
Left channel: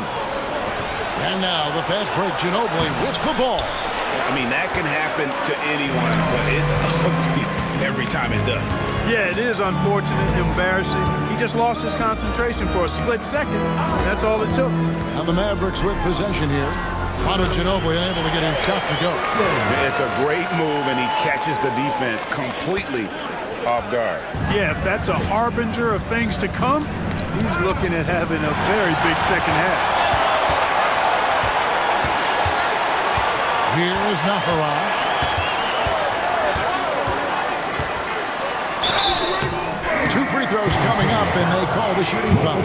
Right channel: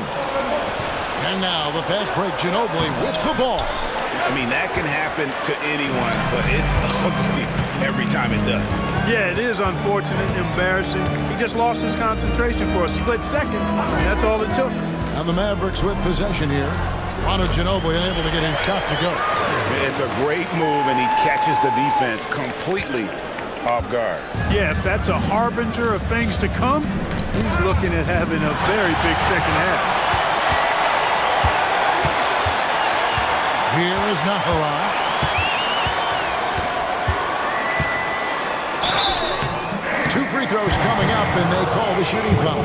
And now the fast break, Ginobili with the ball. I mean, that can happen to anyone, but it's ugly every time it does. Yeah, it is unfortunate, embarrassing. He just lost his concentration for a split second. That's all it took. And the Mavericks with possession here. Manu Ginobili unable to get his shot to go. It's a great move, and he catches the defense completely off guard. Yeah, if that's a harbinger of things to come, he's looking at having a very big second half. Here is Nahara. Two free throws coming up, and they call the shooting foul.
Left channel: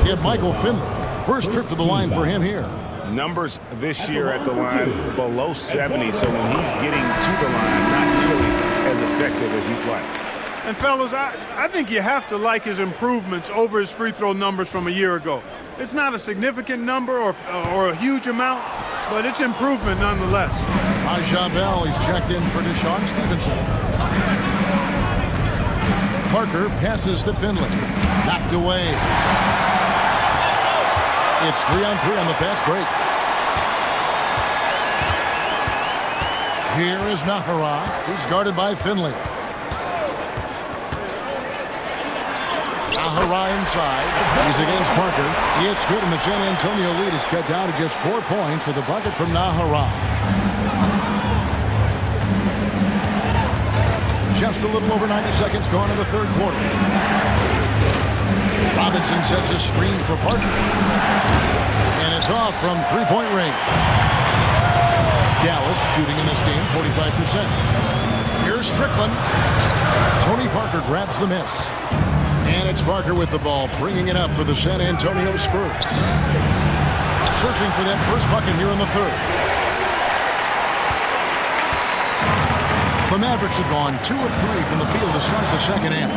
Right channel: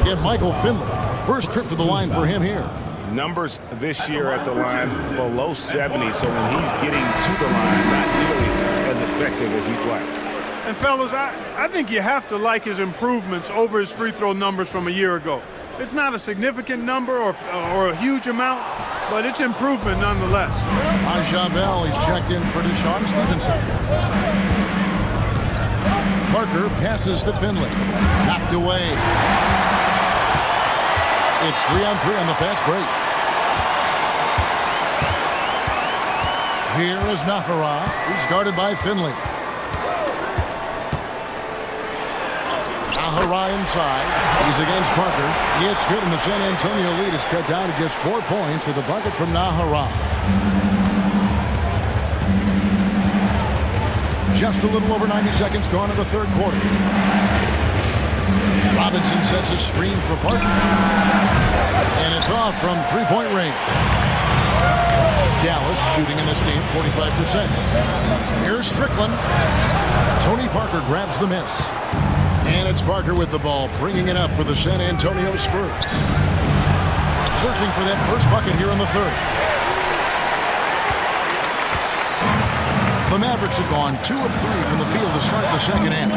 Again, Michael Finley. First trip to the line for him here. Numbers this year at the line below 70, so when he's getting to the line, not nearly as effective as he'd like. And fellas, I think you have to like his improvements over his free throw numbers from a year ago. It's not a significant number or a huge amount, but it's improvement nonetheless. Raja Bell, he's checked in for Deshaun Stevenson. Parker passes to Finley. Knocked away. It's 3-on-3 on the fast break. Here is Nahara. He's guarded by Finley. Nahara inside. He's against Parker. It's good, and the San Antonio lead is cut down to just 4 points with the bucket from Nahara. Just a little over 90 seconds gone in the third quarter. Robinson sets a screen for Parker. And it's off from three-point range. Dallas shooting in this game 45%. Here's Strickland. Tony Parker grabs the miss. And it's Parker with the ball, bringing it up for the San Antonio Spurs. Searching for that first bucket here in the third. The Mavericks have gone 2 of 3 from the field to start the second half.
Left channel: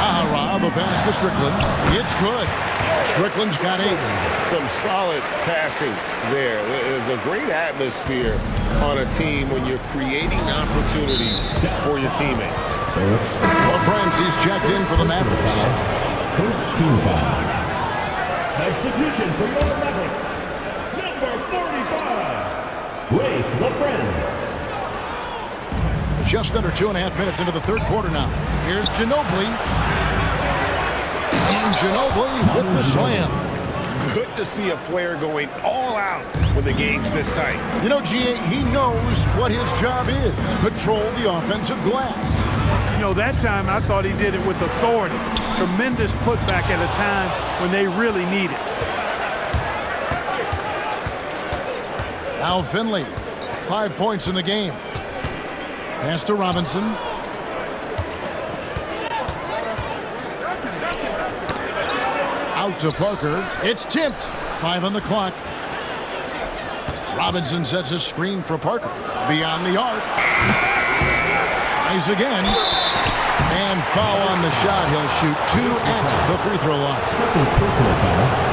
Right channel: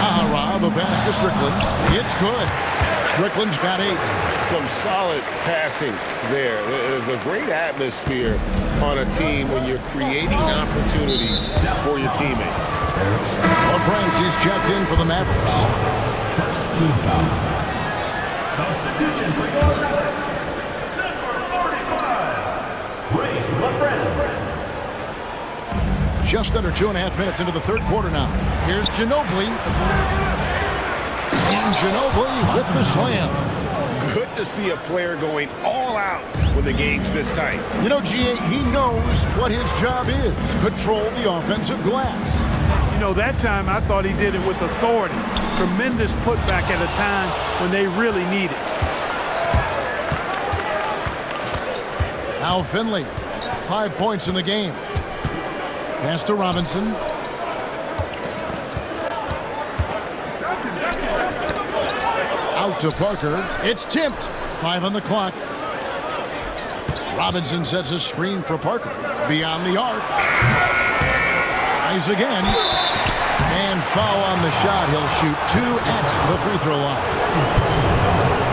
Nahara, the pass to Strickland. It's good. Strickland's got 8. Some solid passing there. There's a great atmosphere on a team when you're creating opportunities for your teammates. Francis checked in for the Mavericks. First team foul. Substitution for your Mavericks. Number 45, Ray LaFrance. Just under 2.5 minutes into the third quarter now. Here's Ginobili. And Ginobili with the slam. Good to see a player going all out when the game's this tight. You know, G.A., he knows what his job is. Control the offensive glass. You know, that time I thought he did it with authority. Tremendous putback at a time when they really need it. Now Finley, 5 points in the game. Pass to Robinson. Out to Parker. It's tipped. 5 on the clock. Robinson sets a screen for Parker. Beyond the arc. Tries again. And foul on the shot. He'll shoot 2 at the free throw line.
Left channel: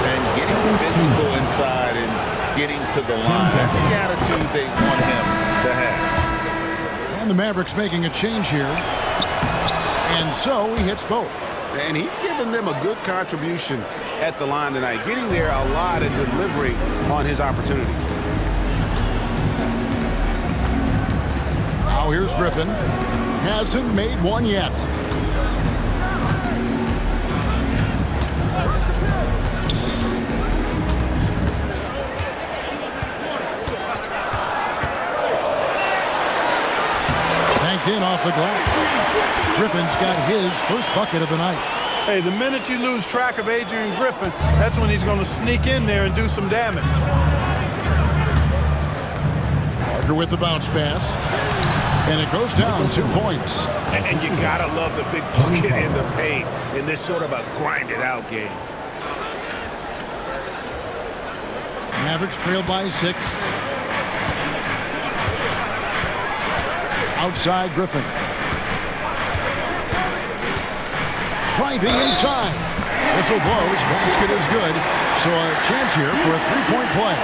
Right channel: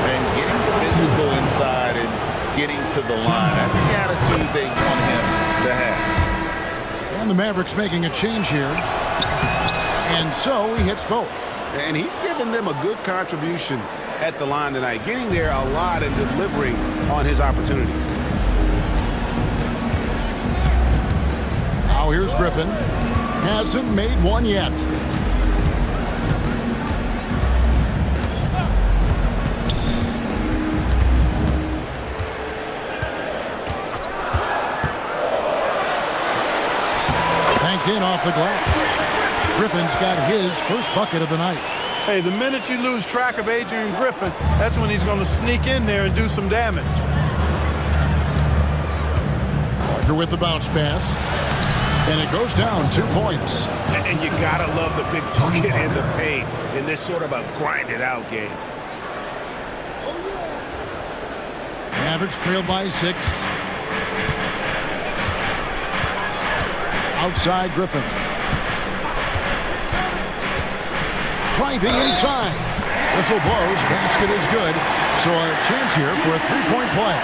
And getting physical inside and getting to the line. That's the attitude they want him to have. And the Mavericks making a change here. And so he hits both. And he's given them a good contribution at the line tonight, getting there a lot and delivering on his opportunities. Now here's Griffin. Hasn't made one yet. Banked in off the glass. Griffin's got his first bucket of the night. Hey, the minute you lose track of Adrian Griffin, that's when he's going to sneak in there and do some damage. Parker with the bounce pass. And it goes down 2 points. And you gotta love the big bucket in the paint in this sort of a grinded-out game. Mavericks trail by 6. Outside Griffin. Driving inside. Whistle blows. Basket is good. So a chance here for a three-point play.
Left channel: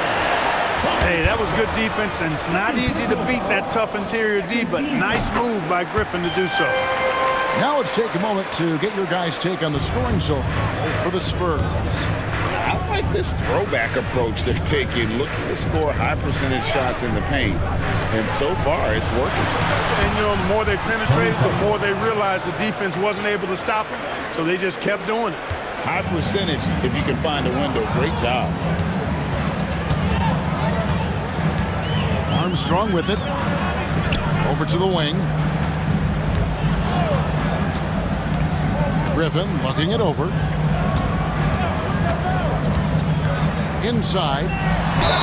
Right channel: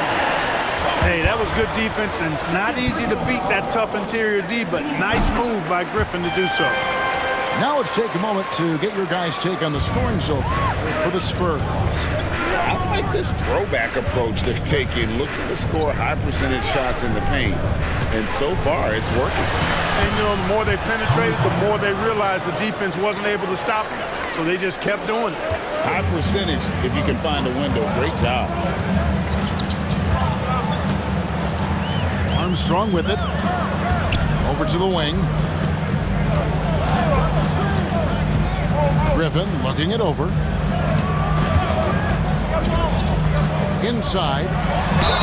Hey, that was good defense, and it's not easy to beat that tough interior D, but nice move by Griffin to do so. Now let's take a moment to get your guys' take on the scoring so far for the Spurs. I like this throwback approach they're taking, looking to score high percentage shots in the paint. And so far, it's working. And, you know, the more they penetrated, the more they realized the defense wasn't able to stop them, so they just kept doing it. High percentage, if you can find a window. Great job. Armstrong with it. Over to the wing. Griffin looking it over. Inside.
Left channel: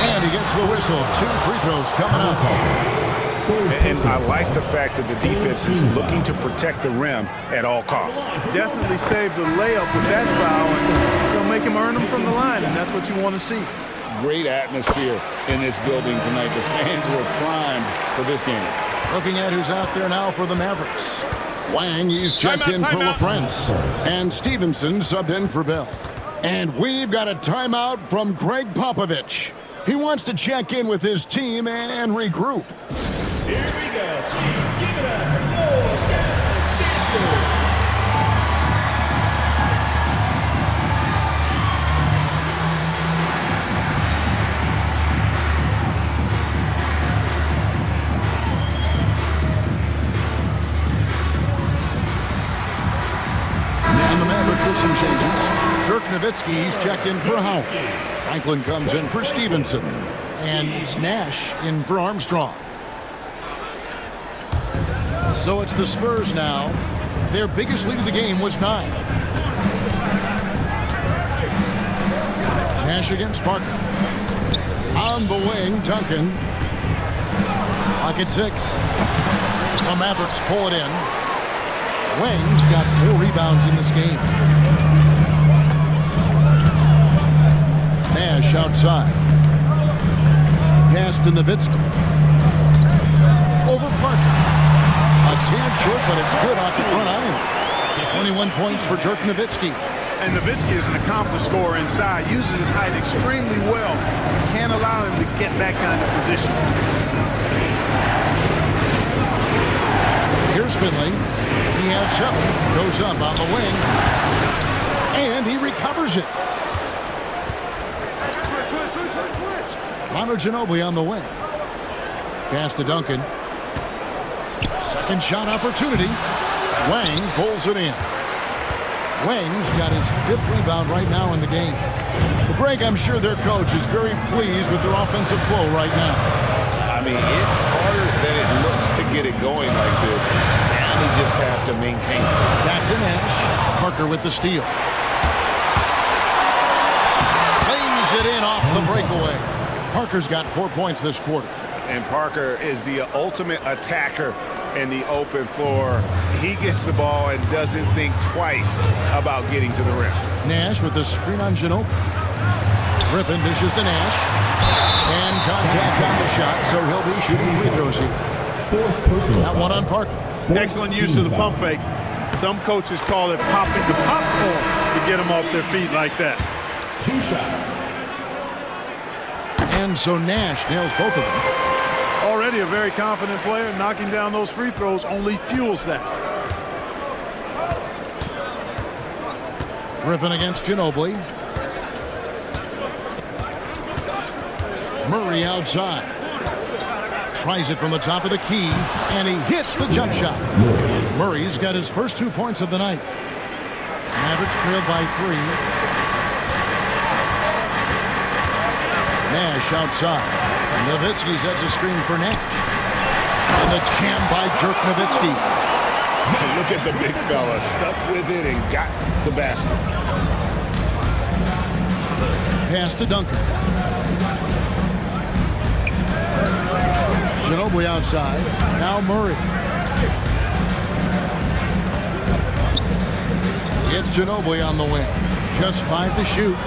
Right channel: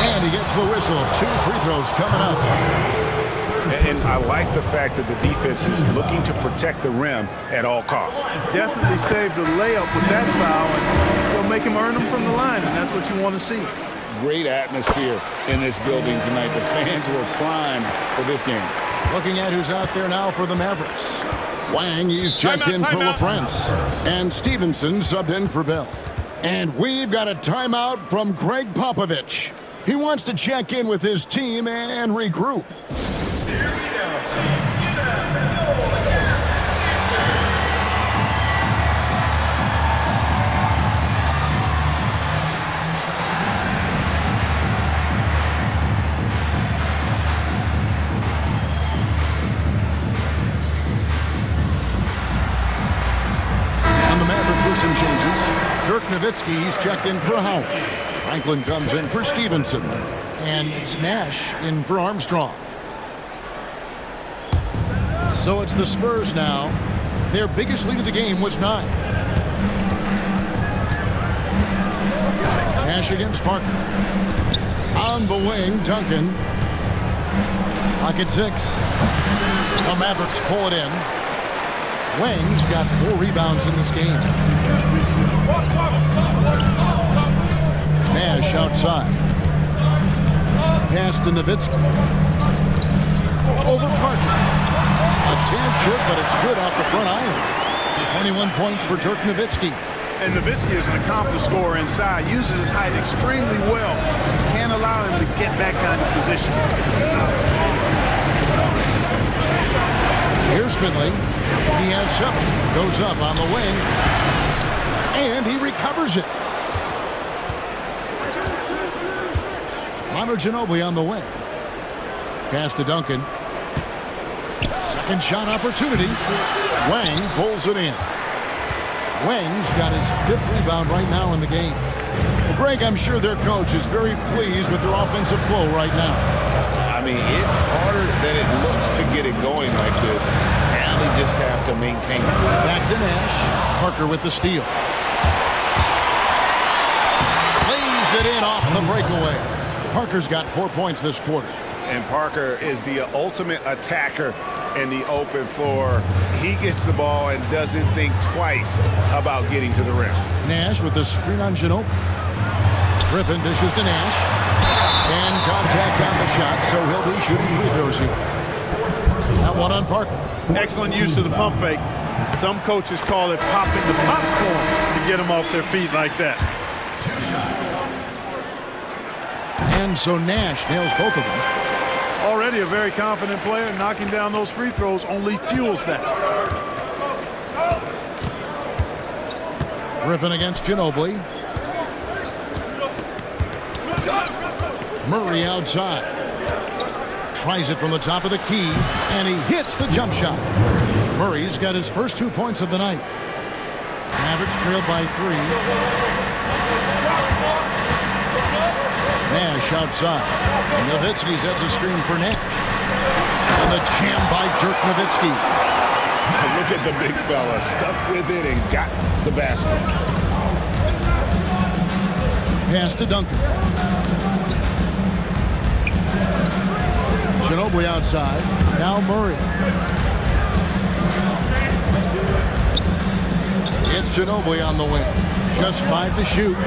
And he gets the whistle. 2 free throws coming up. And I like the fact that the defense is looking to protect the rim at all costs. Definitely saved the layup with that foul, and they'll make him earn them from the line, and that's what you want to see. Great atmosphere in this building tonight. The fans were primed for this game. Looking at who's out there now for the Mavericks. Wang, he's checked in for LaFrance. And Stevenson subbed in for Bell. And we've got a timeout from Greg Popovich. He wants to check in with his team and regroup. Here we go. Please give it up for your Stevenson. And the Mavericks with some changes. Dirk Nowitzki, he's checked in for Howard. Franklin comes in for Stevenson. And it's Nash in for Armstrong. So it's the Spurs now. Their biggest lead of the game was 9. Nash against Parker. On the wing, Duncan. Clock at 6. The Mavericks pull it in. Wang's got 4 rebounds in this game. Nash outside. Pass to Nowitzki. Over Parker. A tad short, but it's good off the front iron. 21 points for Dirk Nowitzki. And Nowitzki is an accomplished scorer inside, uses his height extremely well. You can't allow him to get that kind of position. Here's Finley. He has 7. Goes up on the wing. And he recovers it. Manu Ginobili on the wing. Pass to Duncan. Second shot opportunity. Wang pulls it in. Wang's got his 5th rebound right now in the game. Well, Greg, I'm sure their coach is very pleased with their offensive flow right now. I mean, it's harder than it looks to get it going like this. Now they just have to maintain it. Back to Nash. Parker with the steal. Lays it in off the breakaway. Parker's got 4 points this quarter. And Parker is the ultimate attacker in the open floor. He gets the ball and doesn't think twice about getting to the rim. Nash with the screen on Ginobili. Griffin dishes to Nash. And contact on the shot, so he'll be shooting free throws here. That one on Parker. Excellent use of the pump fake. Some coaches call it popping the popcorn to get them off their feet like that. 2 shots. And so Nash nails both of them. Already a very confident player. Knocking down those free throws only fuels that. Griffin against Ginobili. Murray outside. Tries it from the top of the key, and he hits the jump shot. Murray's got his first 2 points of the night. Mavericks trailed by 3. Nash outside. Nowitzki sets a screen for Nash. And the jam by Dirk Nowitzki. Look at the big fella. Stuck with it and got the basket. Pass to Duncan. Ginobili outside. Now Murray. It's Ginobili on the wing. Just 5 to shoot.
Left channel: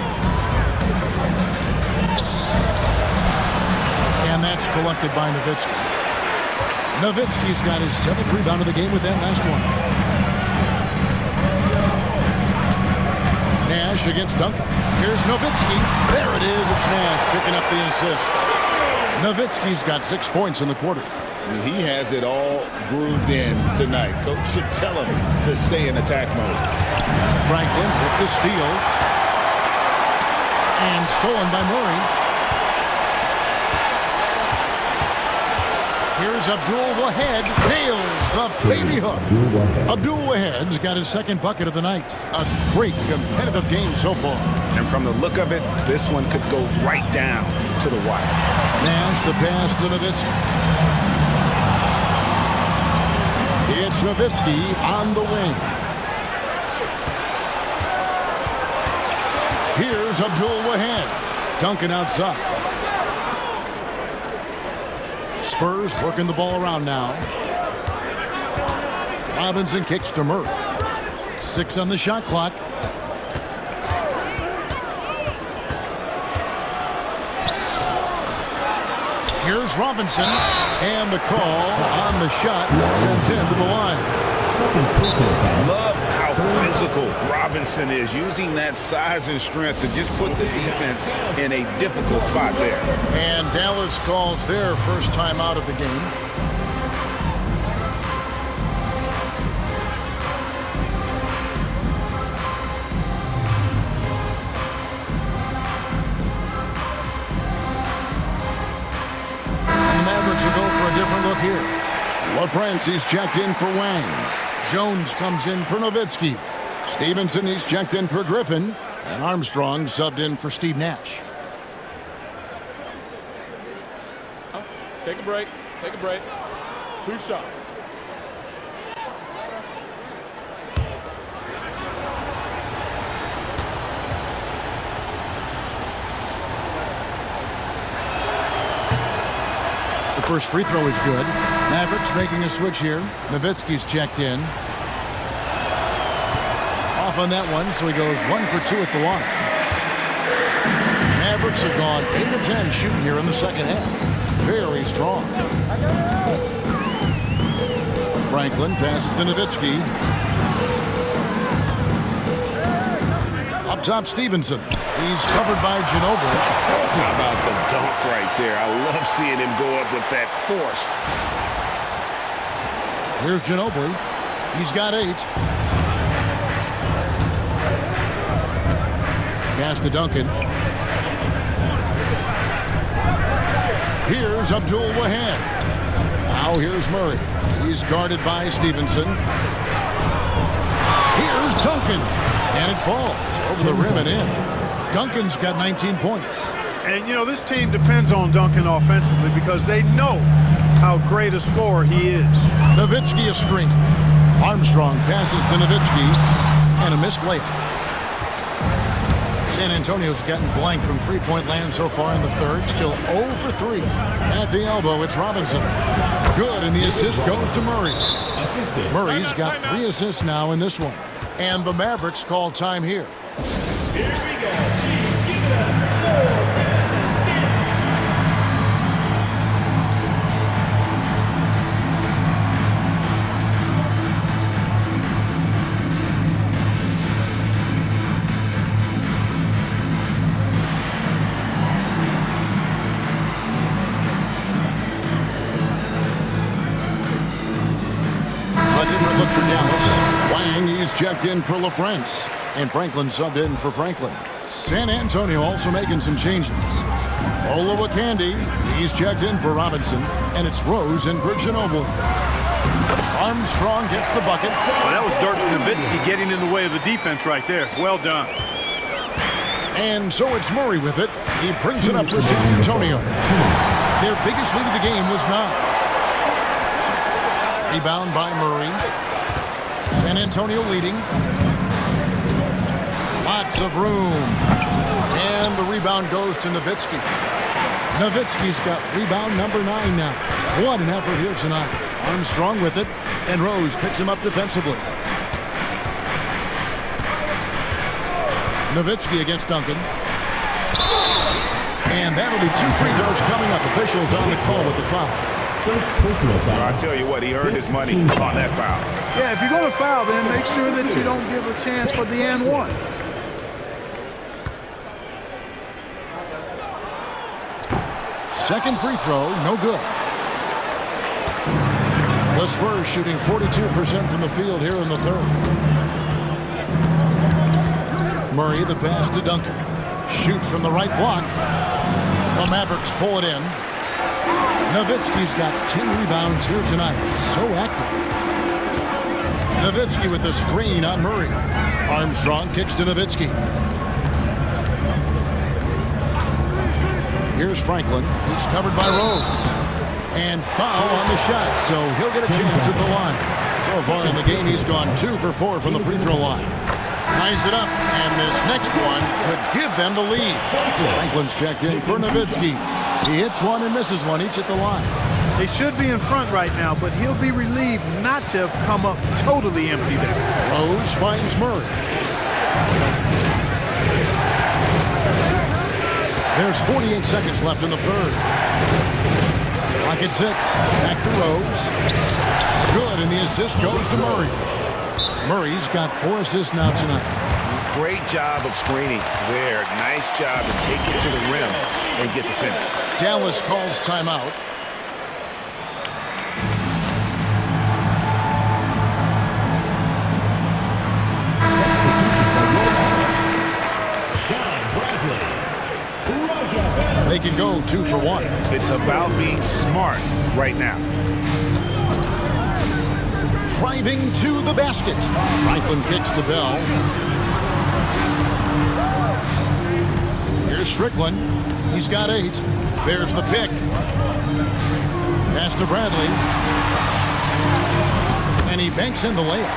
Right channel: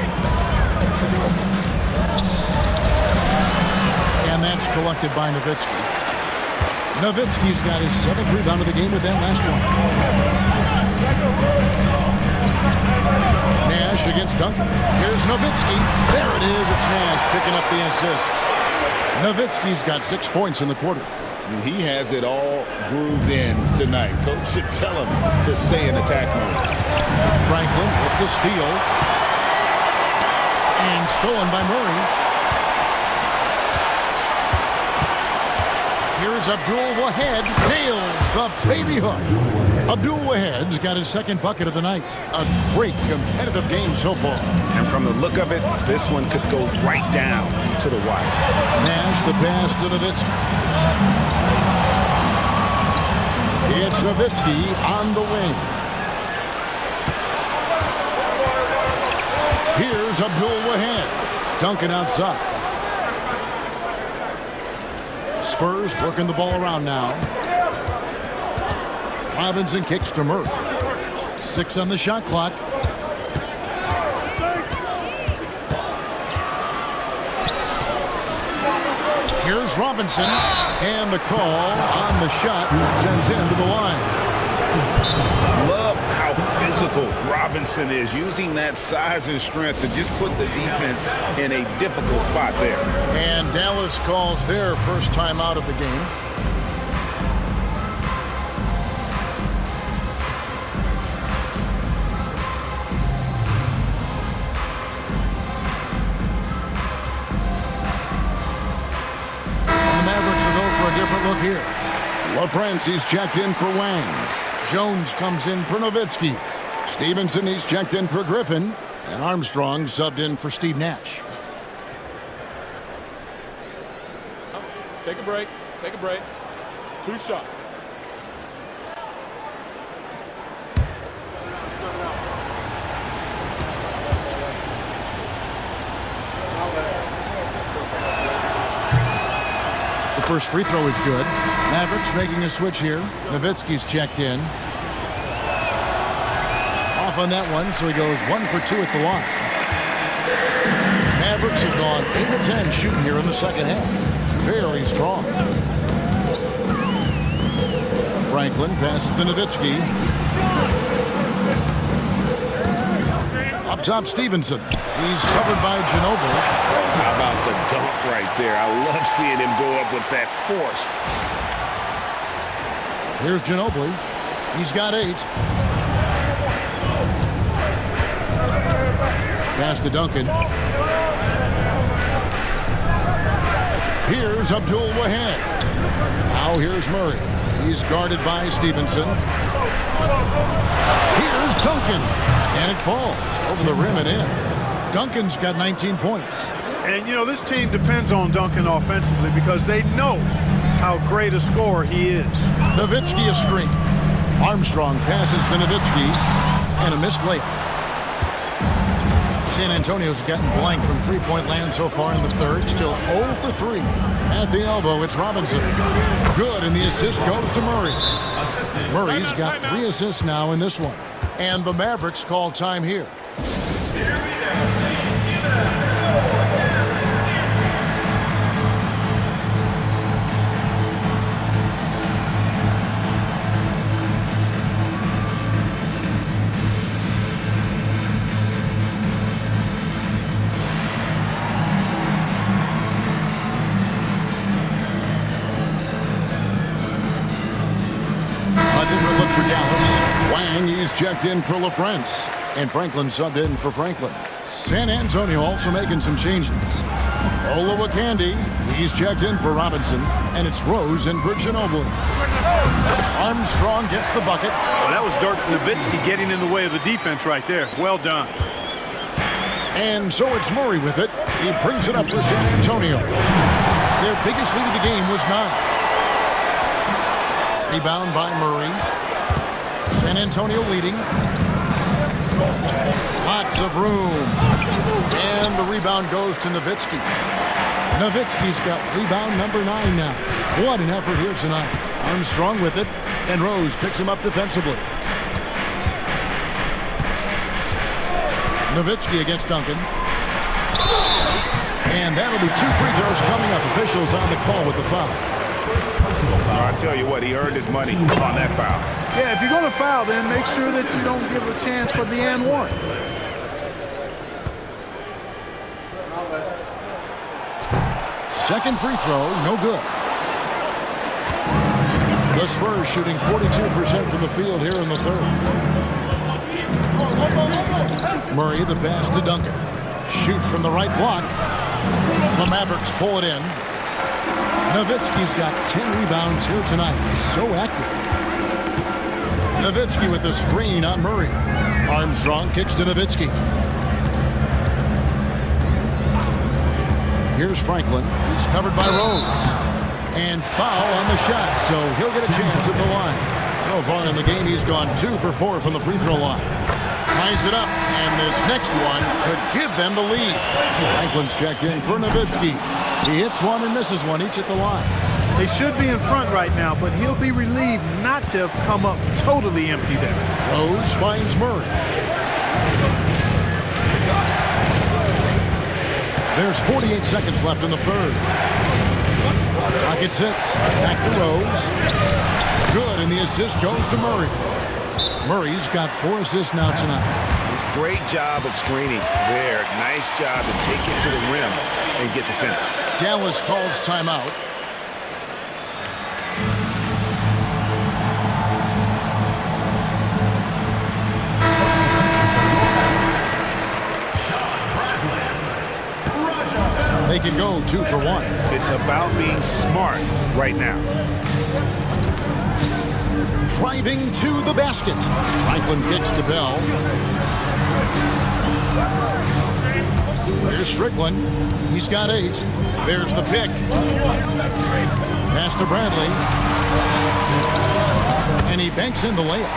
And that's collected by Nowitzki. Nowitzki's got his 7th rebound of the game with that last one. Nash against Duncan. Here's Nowitzki. There it is. It's Nash picking up the assist. Nowitzki's got 6 points in the quarter. He has it all grooved in tonight. Coach should tell him to stay in attack mode. Franklin with the steal. And stolen by Murray. Here's Abdul-Wahed. Nails the baby hook. Abdul-Wahed's got his 2nd bucket of the night. A great competitive game so far. And from the look of it, this one could go right down to the wire. Nash the pass to Nowitzki. It's Nowitzki on the wing. Here's Abdul-Wahed. Duncan outside. Spurs working the ball around now. Robinson kicks to Murray. 6 on the shot clock. Here's Robinson. And the call on the shot sends him to the line. Love how physical Robinson is, using that size and strength to just put the defense in a difficult spot there. And Dallas calls their first time out of the game. And the Mavericks will go for a different look here. LaFrancis checked in for Wang. Jones comes in for Nowitzki. Stevenson, he's checked in for Griffin. And Armstrong subbed in for Steve Nash. Take a break. Take a break. 2 shots. The first free throw is good. Mavericks making a switch here. Nowitzki's checked in. Off on that one, so he goes 1 for 2 at the line. Mavericks have gone 8 of 10 shooting here in the second half. Very strong. Franklin passes to Nowitzki. Up top, Stevenson. He's covered by Ginobili. Oh, how about the dunk right there? I love seeing him go up with that force. Here's Ginobili. He's got 8. Pass to Duncan. Here's Abdul-Wahed. Now here's Murray. He's guarded by Stevenson. Here's Duncan. And it falls over the rim and in. Duncan's got 19 points. And, you know, this team depends on Duncan offensively because they know how great a scorer he is. Nowitzki a screen. Armstrong passes to Nowitzki. And a missed layup. San Antonio's gotten blank from three-point land so far in the third. Still 0 for 3. At the elbow, it's Robinson. Good, and the assist goes to Murray. Murray's got 3 assists now in this one. And the Mavericks call time here. Here we go. Please give it up. A different look for Dallas. Wang, he's checked in for LaFrance. And Franklin subbed in for Franklin. San Antonio also making some changes. Olowokandi, he's checked in for Robinson. And it's Rose in for Ginobili. Armstrong gets the bucket. Well, that was Dirk Nowitzki getting in the way of the defense right there. Well done. And so it's Murray with it. He brings it up for San Antonio. Their biggest lead of the game was 9. Rebound by Murray. San Antonio leading. Lots of room. And the rebound goes to Nowitzki. Nowitzki's got rebound number 9 now. What an effort here tonight. Armstrong with it, and Rose picks him up defensively. Nowitzki against Duncan. And that'll be 2 free throws coming up. Officials on the call with the foul. First personal foul. I tell you what, he earned his money on that foul. Yeah, if you're going to foul, then make sure that you don't give a chance for the and one. Second free throw, no good. The Spurs shooting 42% from the field here in the third. Murray, the pass to Duncan. Shoots from the right block. The Mavericks pull it in. Nowitzki's got 10 rebounds here tonight. So active. Nowitzki with the screen on Murray. Armstrong kicks to Nowitzki. Here's Franklin. He's covered by Rose. And foul on the shot, so he'll get a chance at the line. So far in the game, he's gone 2 for 4 from the free throw line. Ties it up, and this next one could give them the lead. Franklin's checked in for Nowitzki. He hits one and misses one, each at the line. They should be in front right now, but he'll be relieved not to have come up totally empty there. Rose finds Murray. There's 48 seconds left in the third. Clock at 6. Back to Rose. Good, and the assist goes to Murray. Murray's got 4 assists now tonight. Great job of screening there. Nice job to take it to the rim and get the finish. Dallas calls timeout. They can go 2 for 1. It's about being smart right now. Driving to the basket. Franklin kicks to Bell. Here's Strickland. He's got 8. There's the pick. Pass to Bradley. And he banks in the layup.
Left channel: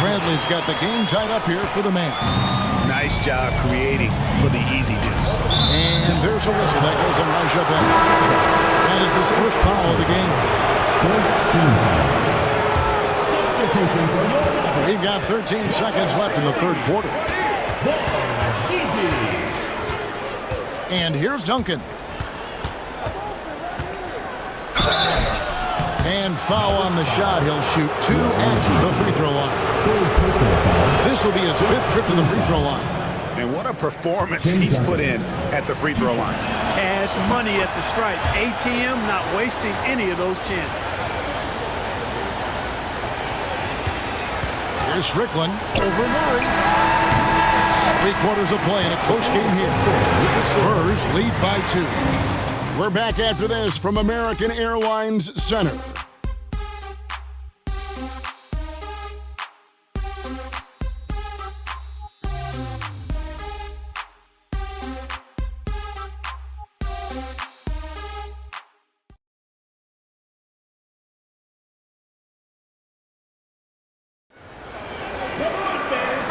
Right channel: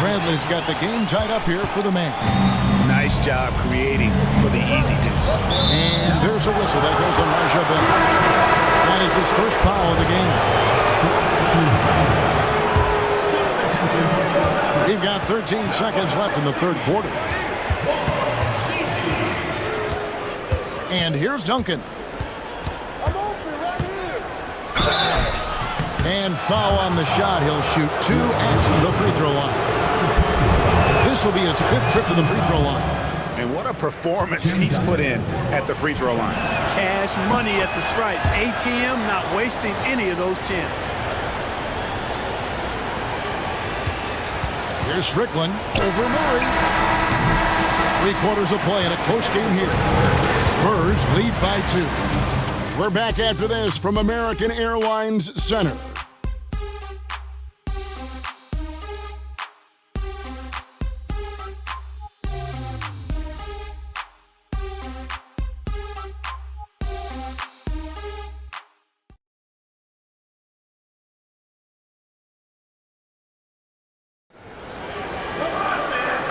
Bradley's got the game tied up here for the Mavs. Nice job creating for the easy deuce. And there's a whistle that goes on Raja Bell. That is his first foul of the game. 14 foul. Substitution for your Mavericks. We've got 13 seconds left in the third quarter. And here's Duncan. And foul on the shot. He'll shoot 2 at the free throw line. This will be his 5th trip to the free throw line. And what a performance he's put in at the free throw line. Cash money at the stripe. ATM not wasting any of those chances. Here's Strickland over Murray. 3 quarters of play in a close game here. Spurs lead by 2. We're back after this from American Airlines Center.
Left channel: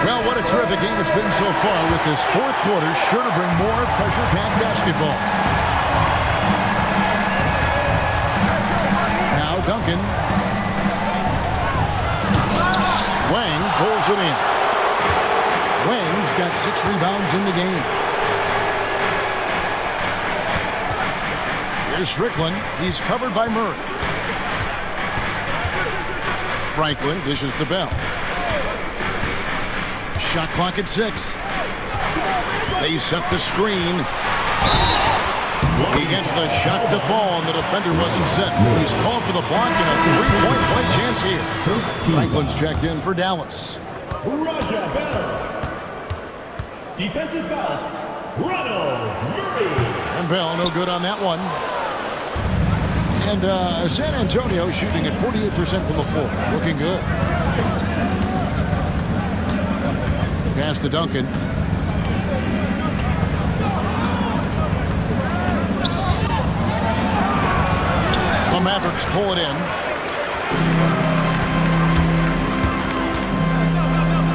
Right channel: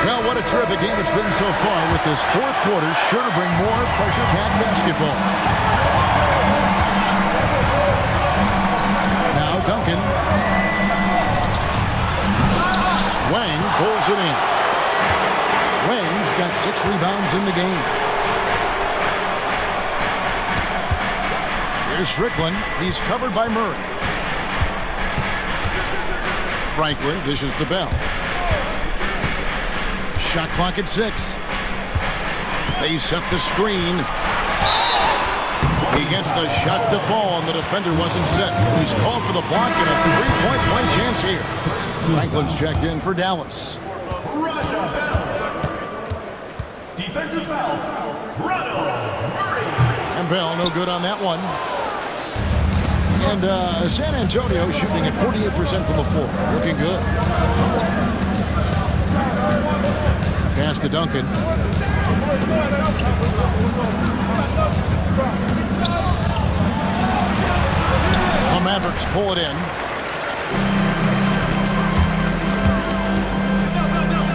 Well, what a terrific game it's been so far, with this 4th quarter sure to bring more pressure-packed basketball. Now Duncan. Wang pulls it in. Wang's got 6 rebounds in the game. Here's Strickland. He's covered by Murray. Franklin dishes to Bell. Shot clock at 6. They set the screen. He gets the shot to fall, and the defender wasn't set. He's called for the block and a 3-point play chance here. Franklin's checked in for Dallas. Raja Bell. Defensive foul. Ronald Murray. And Bell no good on that one. And San Antonio shooting at 48% from the floor. Looking good. Pass to Duncan. The Mavericks pull it in.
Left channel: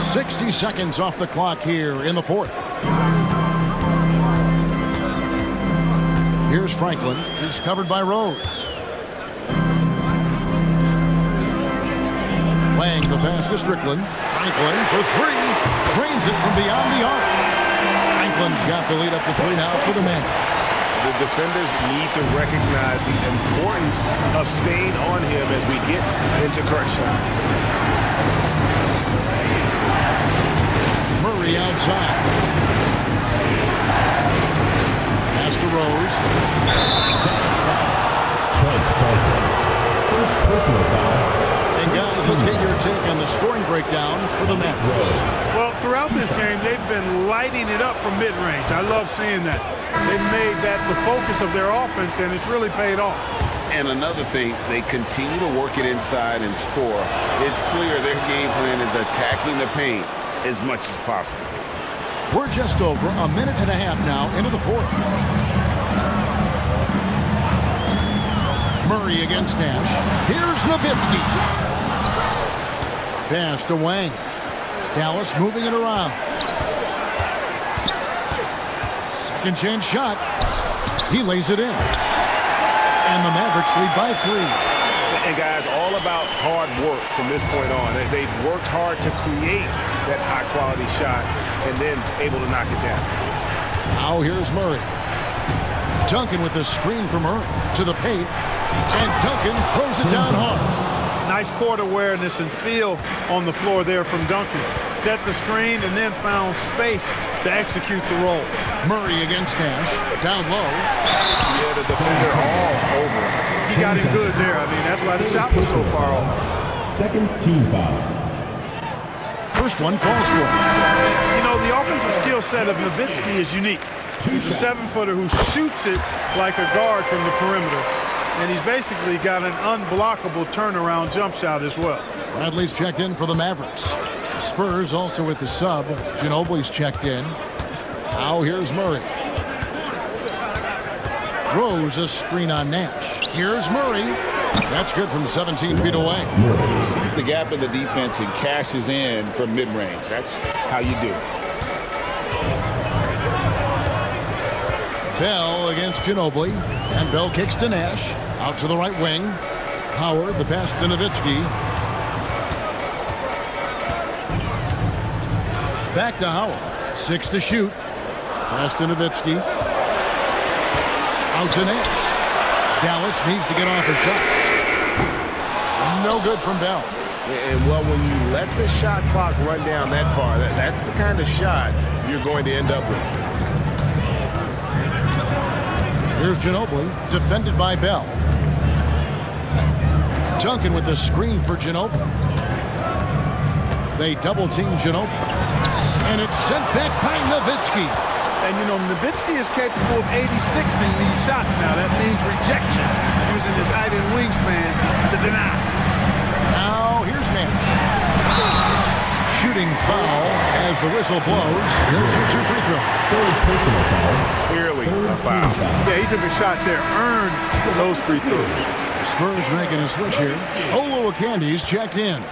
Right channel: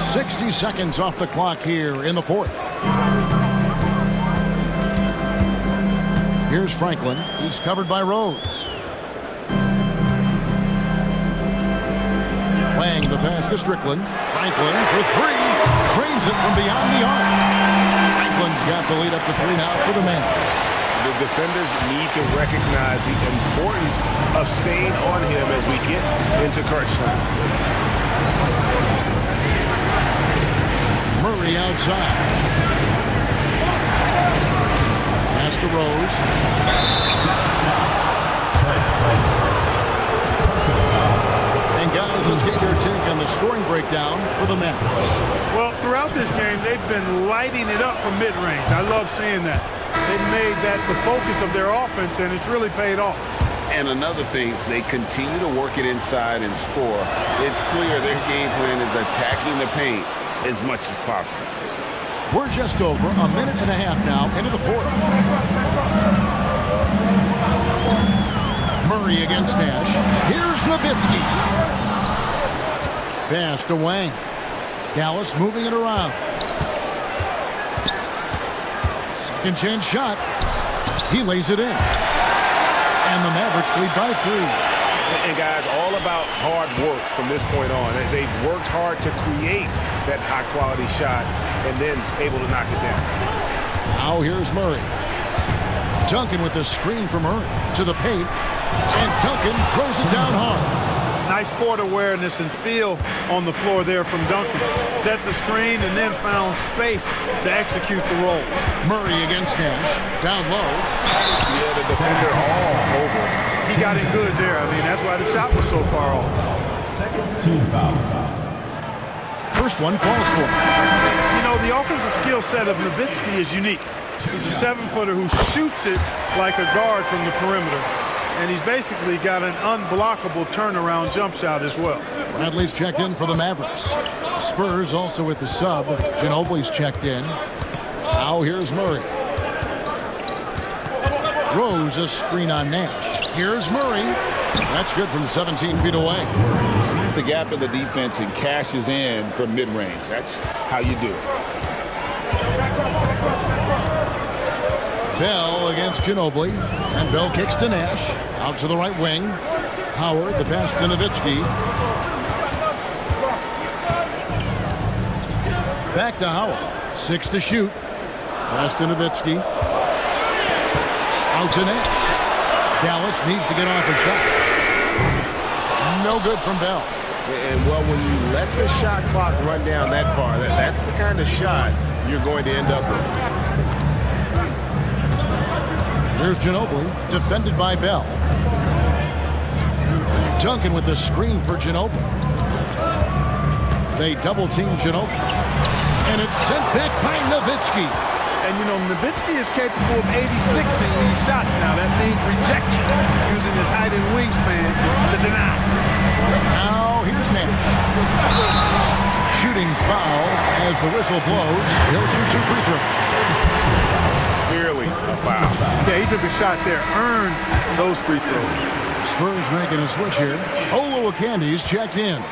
60 seconds off the clock here in the 4th. Here's Franklin. He's covered by Rose. Wang the pass to Strickland. Franklin for three. Cranes it from beyond the arc. Franklin's got the lead up to 3 now for the Mavs. The defenders need to recognize the importance of staying on him as we get into crunch time. Murray outside. Pass to Rose. And guys, let's get your take on the scoring breakdown for the Mavericks. Well, throughout this game, they've been lighting it up from mid-range. I love seeing that. They've made that the focus of their offense, and it's really paid off. And another thing, they continue to work it inside and score. It's clear their game plan is attacking the paint as much as possible. We're just over a minute and a half now into the fourth. Murray against Nash. Here's Nowitzki. Pass to Wang. Dallas moving it around. Second chance shot. He lays it in. And the Mavericks lead by 3. And guys, all about hard work from this point on. They've worked hard to create that high-quality shot and then able to knock it down. Now here's Murray. Duncan with the screen from Murray to the paint. And Duncan throws it down hard. Nice court awareness and feel on the floor there from Duncan. Set the screen and then found space to execute the roll. Murray against Nash. Down low. Yeah, the defender all over him. He got in good there. I mean, that's why the shot was so far off. Second team foul. First one falls for him. You know, the offensive skill set of Nowitzki is unique. He's a 7-footer who shoots it like a guard from the perimeter. And he's basically got an unblockable turnaround jump shot as well. Bradley's checked in for the Mavericks. The Spurs also with the sub. Ginobili's checked in. Now here's Murray. Rose a screen on Nash. Here's Murray. That's good from 17 feet away. He sees the gap in the defense and cashes in from mid-range. That's how you do it. Bell against Ginobili. And Bell kicks to Nash. Out to the right wing. Howard, the pass to Nowitzki. Back to Howard. 6 to shoot. Pass to Nowitzki. Out to Nash. Dallas needs to get off a shot. No good from Bell. And, well, when you let the shot clock run down that far, that's the kind of shot you're going to end up with. Here's Ginobili, defended by Bell. Duncan with the screen for Ginobili. They double-team Ginobili. And it's sent back by Nowitzki. And, you know, Nowitzki is capable of 86ing these shots now. That means rejection, using his height and wingspan to deny. Now, here's Nash. Shooting foul as the whistle blows. He'll shoot 2 free throws. Clearly a foul. Yeah, he took a shot there, earned those free throws. The Spurs making a switch here. Oluwakandi's checked in.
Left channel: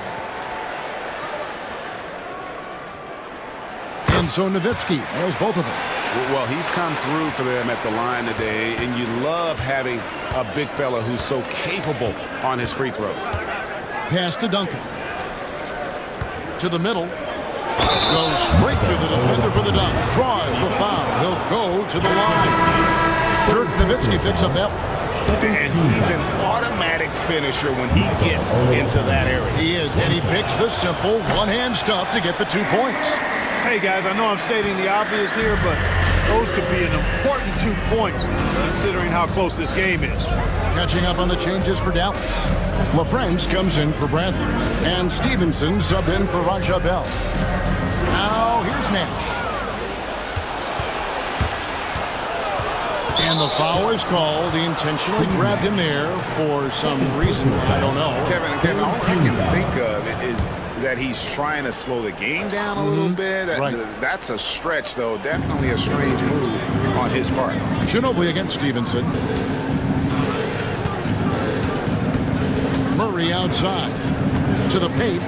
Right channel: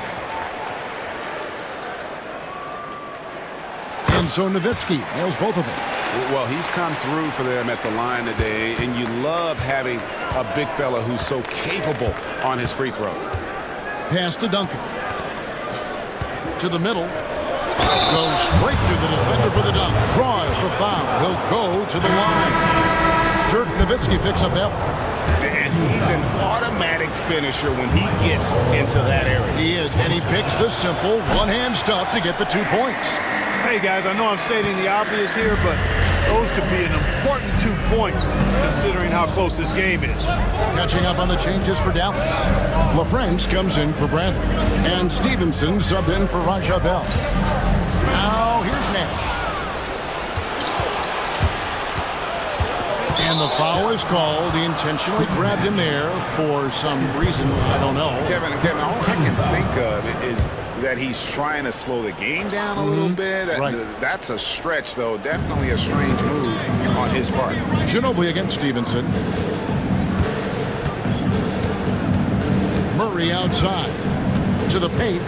And so Nowitzki nails both of them. Well, he's come through for them at the line today, and you love having a big fella who's so capable on his free throws. Pass to Duncan. To the middle. Goes straight through the defender for the dunk. Draws the foul. He'll go to the line. Dirk Nowitzki picks up that one. And he's an automatic finisher when he gets into that area. He is, and he picks the simple one-hand stuff to get the 2 points. Hey, guys, I know I'm stating the obvious here, but those could be an important 2 points considering how close this game is. Catching up on the changes for Dallas. LaFrance comes in for Bradley. And Stevenson subbed in for Raja Bell. Now here's Nash. And the foul is called. He intentionally grabbed him there for some reason. I don't know. Kevin, all I can think of is that he's trying to slow the game down a little bit. That's a stretch, though. Definitely a strange move on his part. Ginobili against Stevenson. Murray outside to the paint.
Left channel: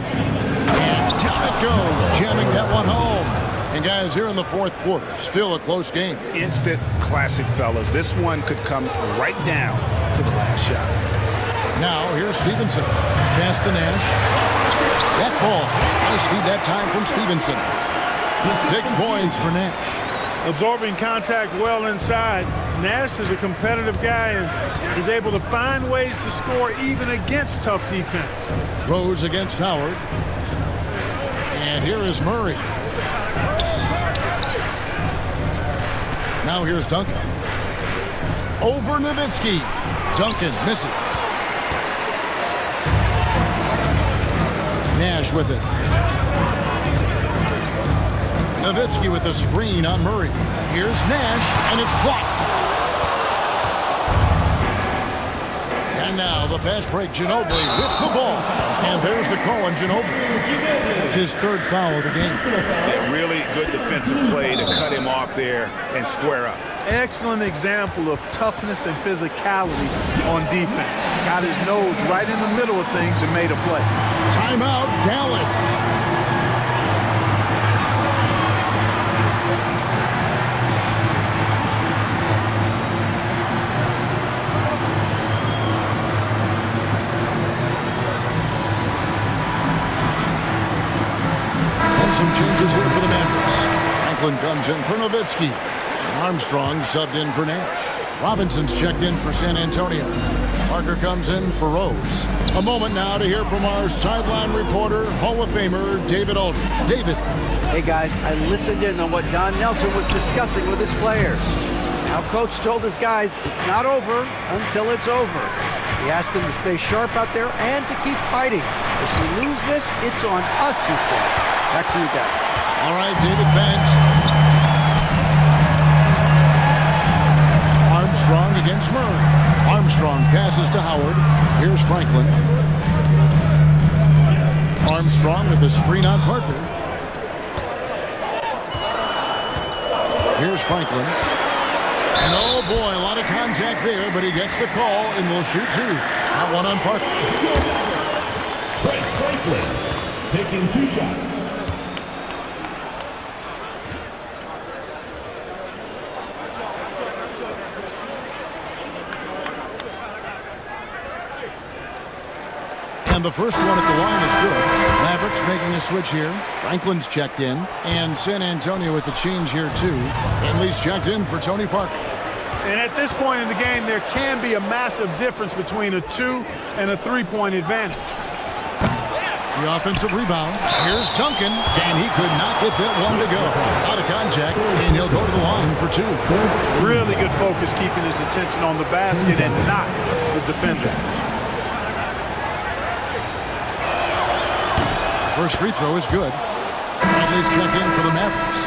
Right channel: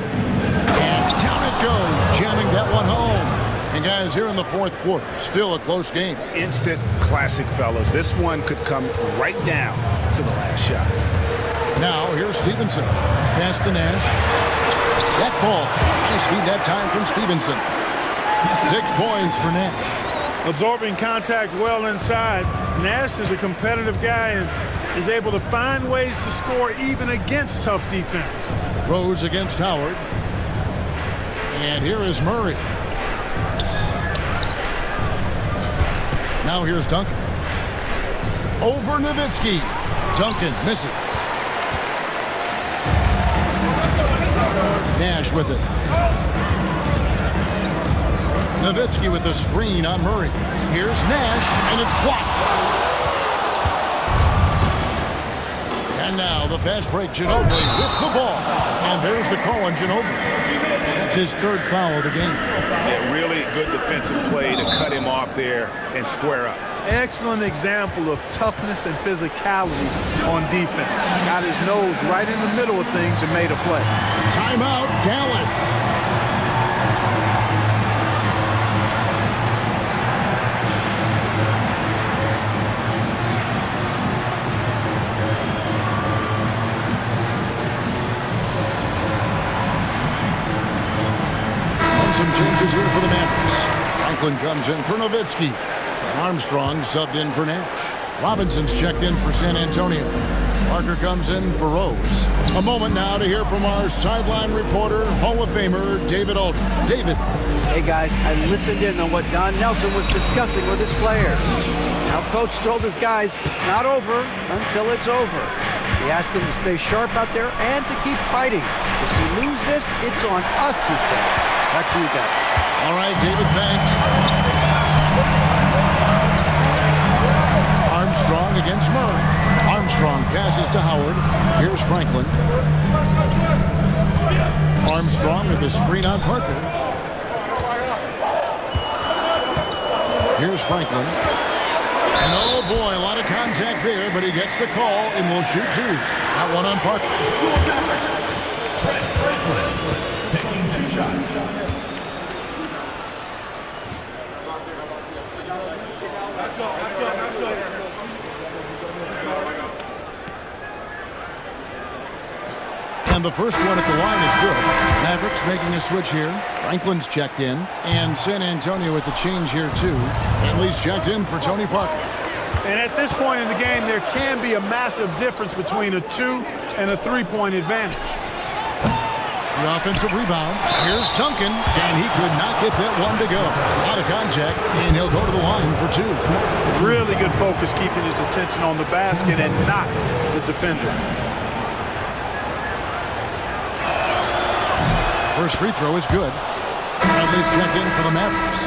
And down it goes, jamming that one home. And guys, here in the fourth quarter, still a close game. Instant classic, fellas. This one could come right down to the last shot. Now, here's Stevenson. Pass to Nash. That ball. Nice feed that time from Stevenson. 6 points for Nash. Absorbing contact well inside. Nash is a competitive guy and is able to find ways to score even against tough defense. Rose against Howard. And here is Murray. Now here's Duncan. Over Nowitzki. Duncan misses. Nash with it. Nowitzki with the screen on Murray. Here's Nash, and it's blocked. And now the fast break, Ginobili with the ball. And there's the call on Ginobili. That's his 3rd foul of the game. Yeah, really good defensive play to cut him off there and square up. Excellent example of toughness and physicality on defense. Got his nose right in the middle of things and made a play. Timeout, Dallas. Some changes here for the Mavericks. Franklin comes in for Nowitzki. And Armstrong subbed in for Nash. Robinson's checked in for San Antonio. Parker comes in for Rose. A moment now to hear from our sideline reporter, Hall of Famer David Alden. David. Hey guys, I listened in on what Don Nelson was discussing with his players. Now Coach told his guys it's not over until it's over. He asked them to stay sharp out there and to keep fighting. If we lose this, it's on us, he said. Back to you guys. All right, David, thanks. Armstrong against Murray. Armstrong passes to Howard. Here's Franklin. Armstrong with the screen on Parker. Here's Franklin. And oh boy, a lot of contact there, but he gets the call and will shoot 2. That one on Parker. Trent Franklin taking 2 shots. And the first one at the line is good. Mavericks making a switch here. Franklin's checked in. And San Antonio with the change here too. Henley's checked in for Tony Parker. And at this point in the game, there can be a massive difference between a 2 and a 3-point advantage. The offensive rebound. Here's Duncan. And he could not get that one to go. Out of contact. And he'll go to the line for 2. Really good focus keeping his attention on the basket and not the defender. First free throw is good. Bradley's checked in for the Mavericks.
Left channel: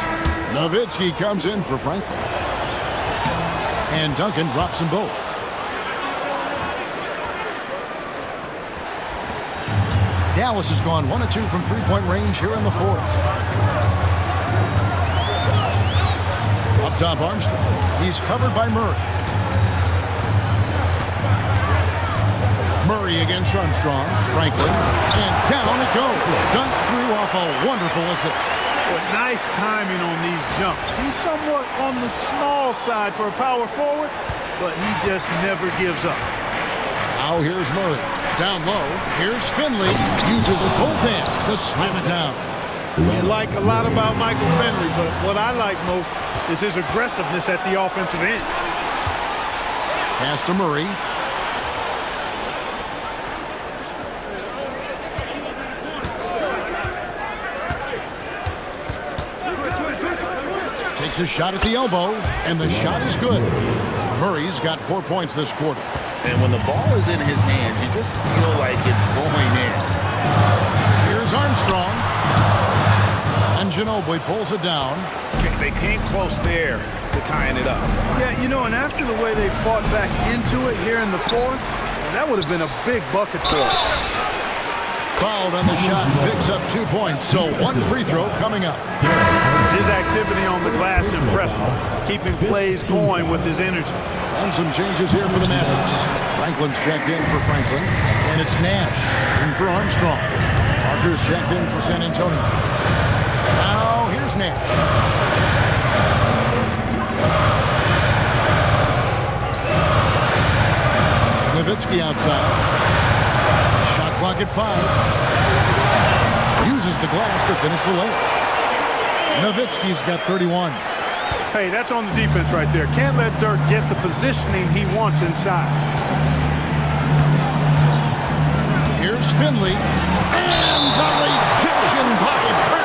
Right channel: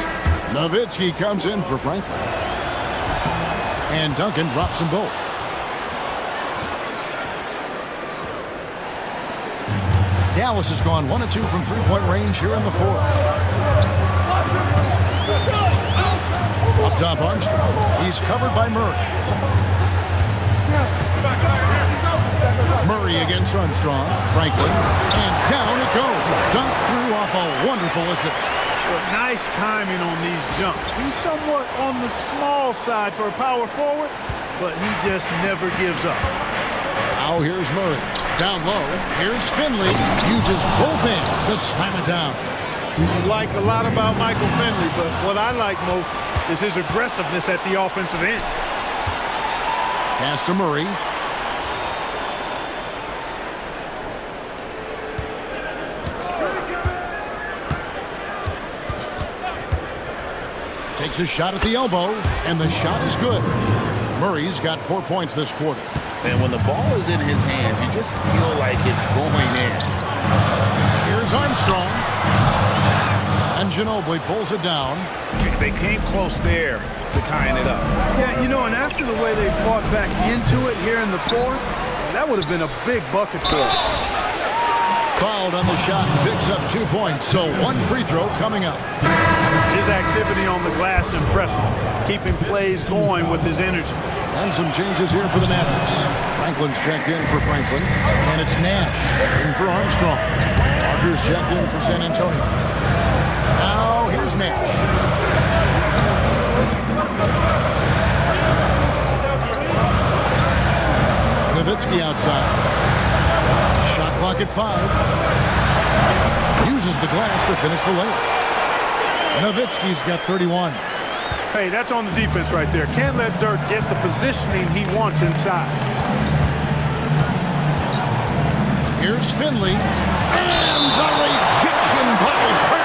Nowitzki comes in for Franklin. And Duncan drops them both. Dallas has gone 1 of 2 from 3-point range here in the 4th. Up top, Armstrong. He's covered by Murray. Murray against Armstrong. Franklin. And down it goes. Dunk through off a wonderful assist. Well, nice timing on these jumps. He's somewhat on the small side for a power forward, but he just never gives up. Now here's Murray. Down low. Here's Finley. Uses both hands to slam it down. You like a lot about Michael Finley, but what I like most is his aggressiveness at the offensive end. Pass to Murray. Takes a shot at the elbow, and the shot is good. Murray's got 4 points this quarter. And when the ball is in his hands, you just feel like it's going in. Here's Armstrong. And Ginobili pulls it down. They came close there to tying it up. Yeah, you know, and after the way they fought back into it here in the 4th, that would have been a big bucket for them. Fouled on the shot and picks up 2 points, so 1 free throw coming up. His activity on the glass impressive, keeping plays going with his energy. And some changes here for the Mavericks. Franklin's checked in for Franklin, and it's Nash in for Armstrong. Parker's checked in for San Antonio. Now here's Nash. Nowitzki outside. Shot clock at 5. Uses the glass to finish the layup. Nowitzki's got 31. Hey, that's on the defense right there. Can't let Dirk get the positioning he wants inside. Here's Finley. And the rejection by Bradley.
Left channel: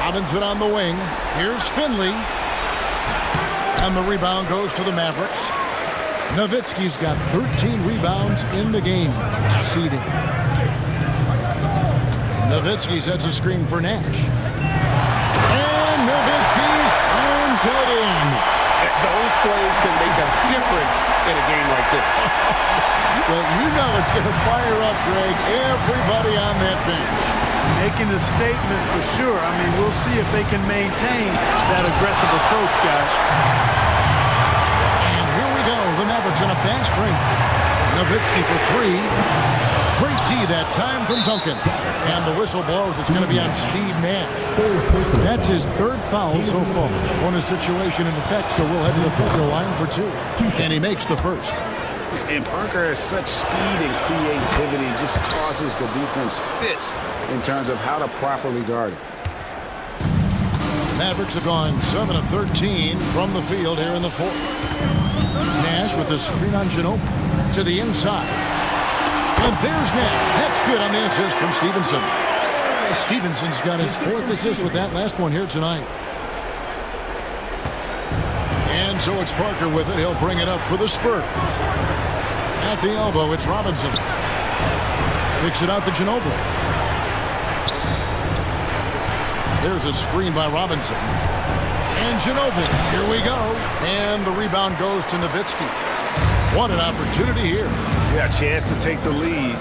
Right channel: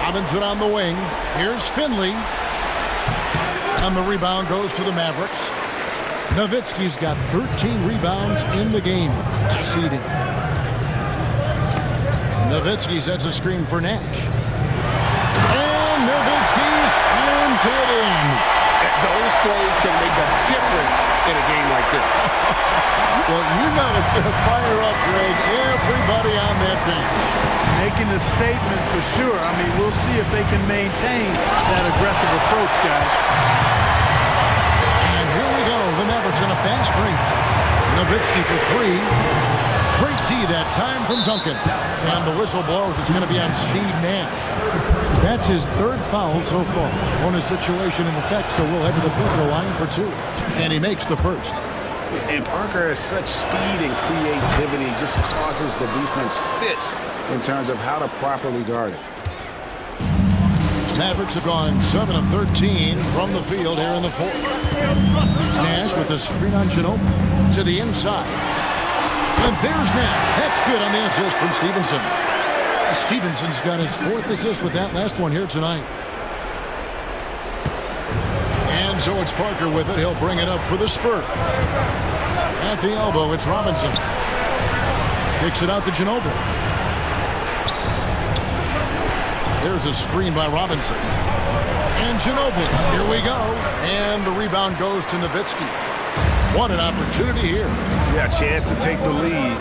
Robinson on the wing. Here's Finley. And the rebound goes to the Mavericks. Nowitzki's got 13 rebounds in the game. Class eating. Nowitzki sets a screen for Nash. And Nowitzki slams it in. Those plays can make a difference in a game like this. Well, you know it's going to fire up, Greg, everybody on that bench. Making a statement for sure. I mean, we'll see if they can maintain that aggressive approach, guys. And here we go. The Mavericks in a fast break. Nowitzki for three. Great D that time from Duncan. And the whistle blows. It's going to be on Steve Nash. That's his third foul so far. Bonus situation in effect, so we'll head to the free throw line for two. And he makes the first. And Parker has such speed and creativity, just causes the defense fits in terms of how to properly guard it. Mavericks have gone 7 of 13 from the field here in the fourth. Nash with the screen on Ginobili to the inside. And there's Nash. That's good on the assist from Stevenson. Stevenson's got his fourth assist with that last one here tonight. And so it's Parker with it. He'll bring it up for the Spurs. At the elbow, it's Robinson. Kicks it out to Ginobili. There's a screen by Robinson. And Ginobili. Here we go. And the rebound goes to Nowitzki. What an opportunity here. Yeah, a chance to take the lead.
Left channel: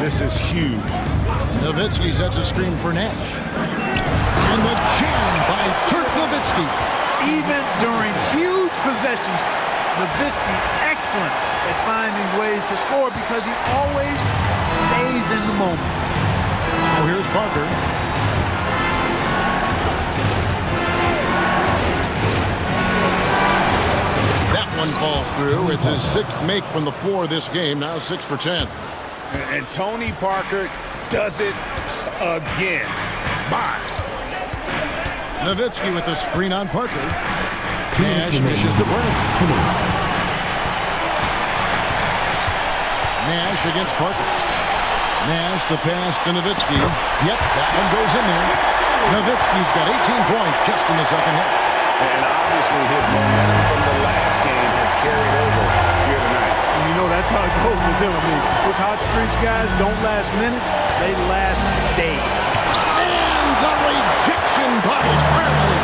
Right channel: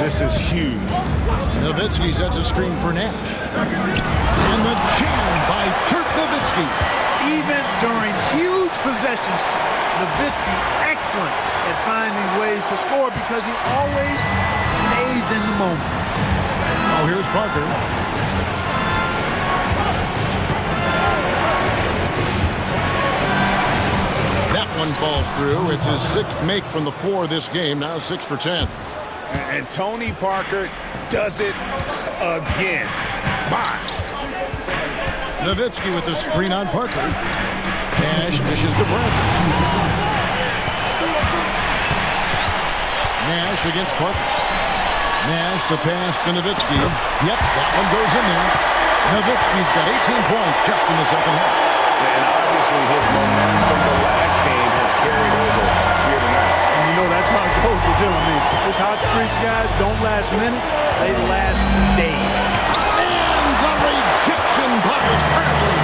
This is huge. Nowitzki sets a screen for Nash. And the jam by Dirk Nowitzki. Even during huge possessions, Nowitzki excellent at finding ways to score because he always stays in the moment. Oh, here's Parker. That one falls through. It's his sixth make from the floor this game. Now 6 for 10. And Tony Parker does it again. Bye. Nowitzki with the screen on Parker. Nash dishes to Bradley. Nash against Parker. Nash the pass to Nowitzki. Yep, that one goes in there. Nowitzki's got 18 points just in the second half. And obviously his momentum from the last game has carried over here tonight. And you know that's how it goes with him. I mean, his hot streaks, guys, don't last minutes. They last days. And the rejection by Bradley.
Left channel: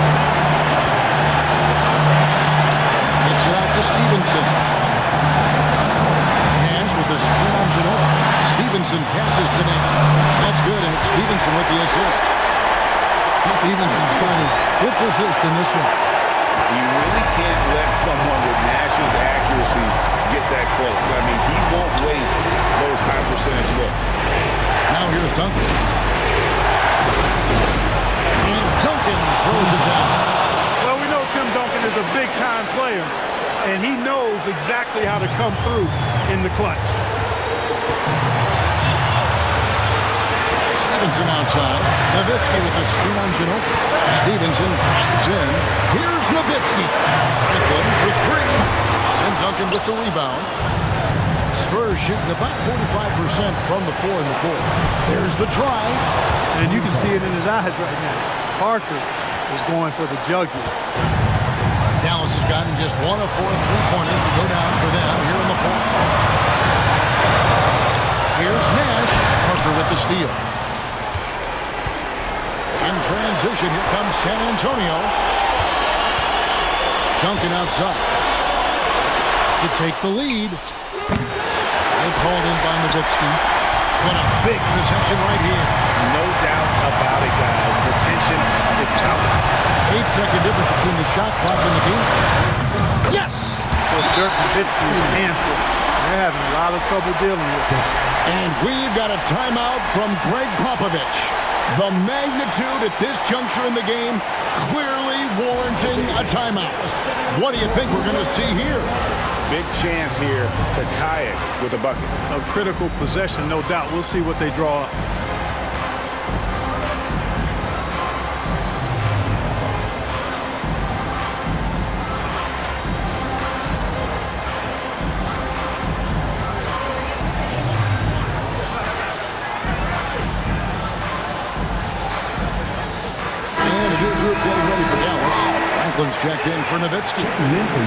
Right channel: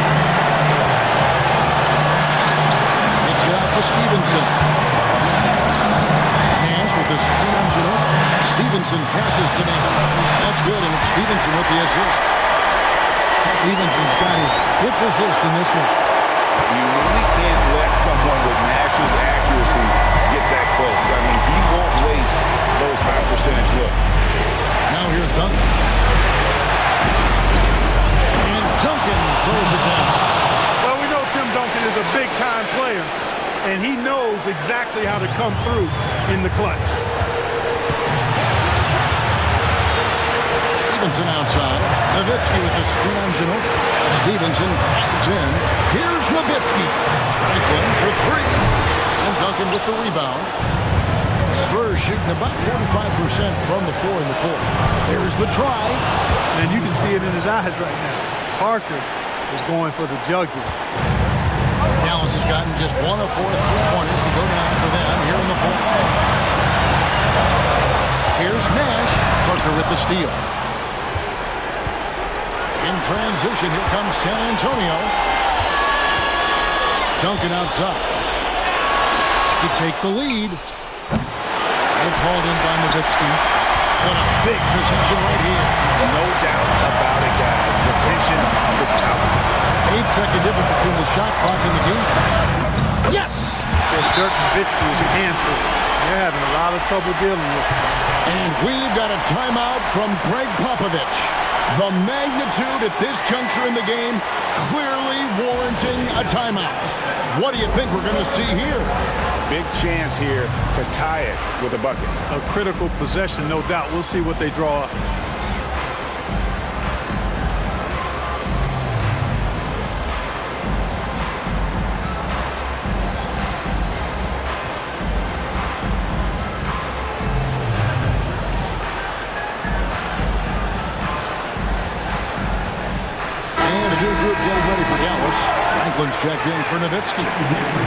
Gets it out to Stevenson. Nash with the screen on Ginobili. Stevenson passes to Nash. That's good, and it's Stevenson with the assist. Stevenson's got his fifth assist in this one. You really can't let someone with Nash's accuracy get that close. I mean, he won't waste those high percentage looks. Now here's Duncan. And Duncan throws it down. Well, we know Tim Duncan is a big-time player, and he knows exactly how to come through in the clutch. Stevenson outside. Nowitzki with the screen on Ginobili. Stevenson drives in. Here's Nowitzki. Franklin for three. Tim Duncan with the rebound. Spurs shooting about 45% from the floor in the fourth. There's the drive. And you can see it in his eyes right now. Parker is going for the jugular. Dallas has gotten just 1 of 4 three-pointers to go down for them here in the fourth. Here's Nash. Parker with the steal. In transition, here comes San Antonio. Duncan outside to take the lead. It's hauled in by Nowitzki. What a big possession right here. No doubt about it, guys. The tension is palpable. 8-second difference between the shot clock and the game. Yes! Well, Dirk Nowitzki is a handful. They're having a lot of trouble dealing with him. And we've got a timeout from Greg Popovich. The magnitude at this juncture in the game clearly warranting a timeout. What do you think we're going to see here? Big chance here to tie it with a bucket. A critical possession, no doubt. We'll see what they draw up. And a new group getting ready for Dallas. Franklin's checked in for Nowitzki.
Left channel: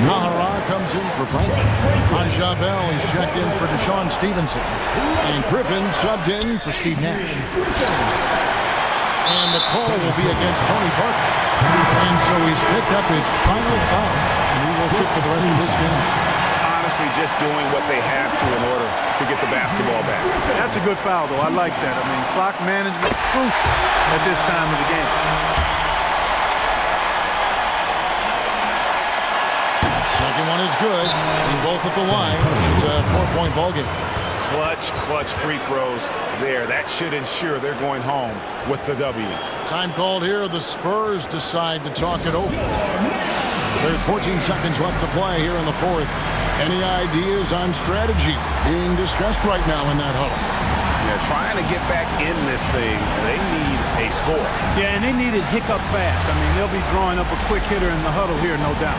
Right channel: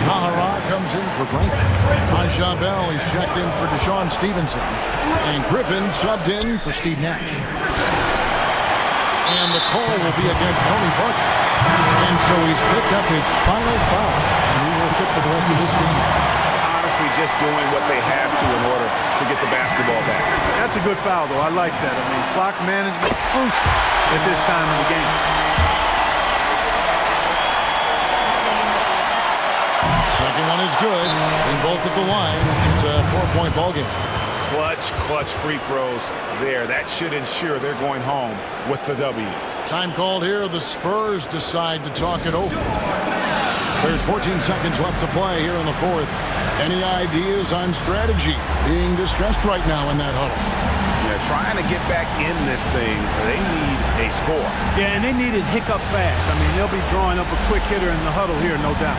Nahara comes in for Franklin. Aja Bell is checked in for Deshaun Stevenson. And Griffin subbed in for Steve Nash. And the call will be against Tony Parker. And so he's picked up his final foul. And he will sit for the rest of this game. Honestly, just doing what they have to in order to get the basketball back. That's a good foul, though. I like that. I mean, clock management crucial at this time of the game. Second one is good. Being both at the line. It's a 4-point ball game. Clutch free throws there. That should ensure they're going home with the W. Time called here. The Spurs decide to talk it over. There's 14 seconds left to play here in the fourth. Any ideas on strategy being discussed right now in that huddle? Yeah, trying to get back in this thing, they need a score. Yeah, and they need it hiccup fast. I mean, they'll be drawing up a quick hitter in the huddle here, no doubt.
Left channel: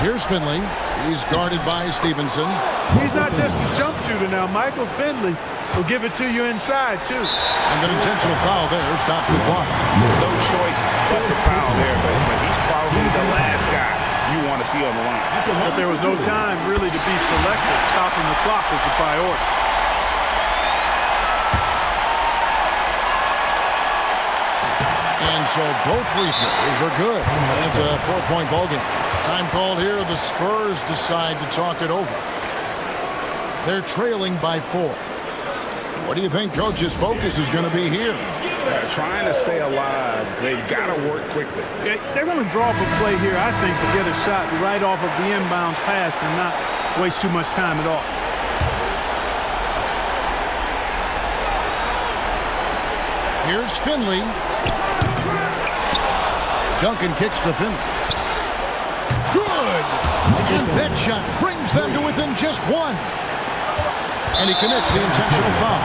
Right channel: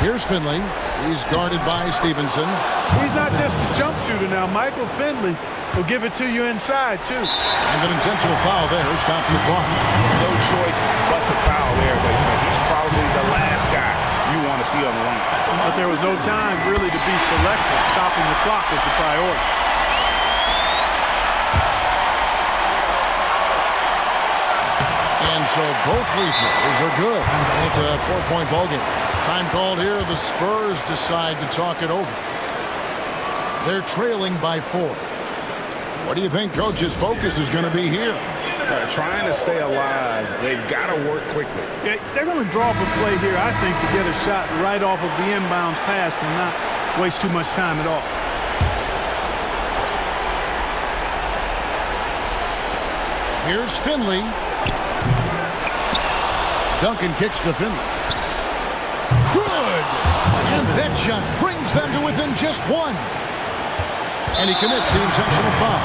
Here's Finley. He's guarded by Stevenson. He's not just a jump shooter now. Michael Finley will give it to you inside, too. And an intentional foul there stops the clock. No choice but to foul there, but he's probably the last guy you want to see on the line. But there was no time really to be selective. Stopping the clock was the priority. And so both free throws are good. And it's a 4-point ball game. Time called here. The Spurs decide to talk it over. They're trailing by 4. What do you think Coach's focus is going to be here? Trying to stay alive. They've got to work quickly. Yeah, they're going to draw up a play here, I think, to get a shot right off of the inbounds pass and not waste too much time at all. Here's Finley. Duncan kicks to Finley. Good! And that shot brings them to within just 1. And he commits the intentional foul.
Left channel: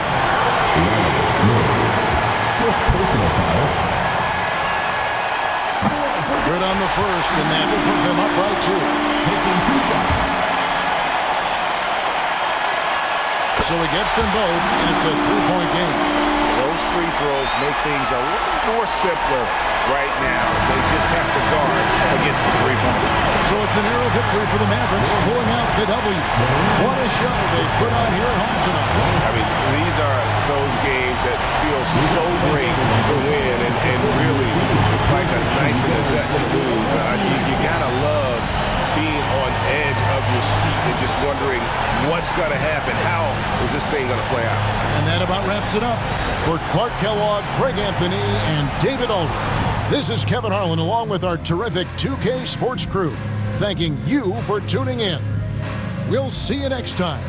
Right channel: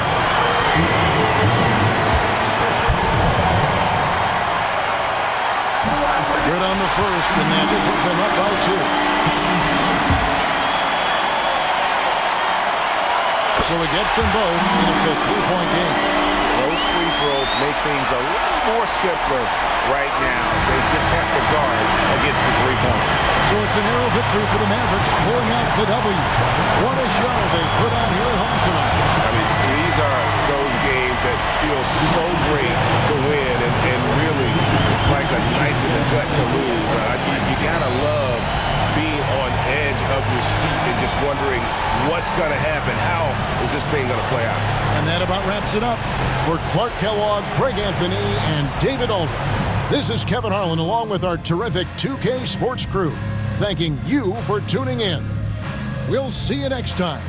Good on the first, and that will put them up by 2. So he gets them both, and it's a 3-point game. Those free throws make things a little more simpler right now. They just have to guard against the three-pointer. So it's a narrow victory for the Mavericks, pulling out the W. What a show they put on here at home tonight. I mean, these are those games that feel so great to win, and really, it's like a knife in the gut to lose. You gotta love being on edge of your seat and just wondering what's gonna happen. How is this thing gonna play out? And that about wraps it up. For Clark Kellogg, Craig Anthony, and David Alder, this is Kevin Harlan along with our terrific 2K Sports crew, thanking you for tuning in. We'll see you next time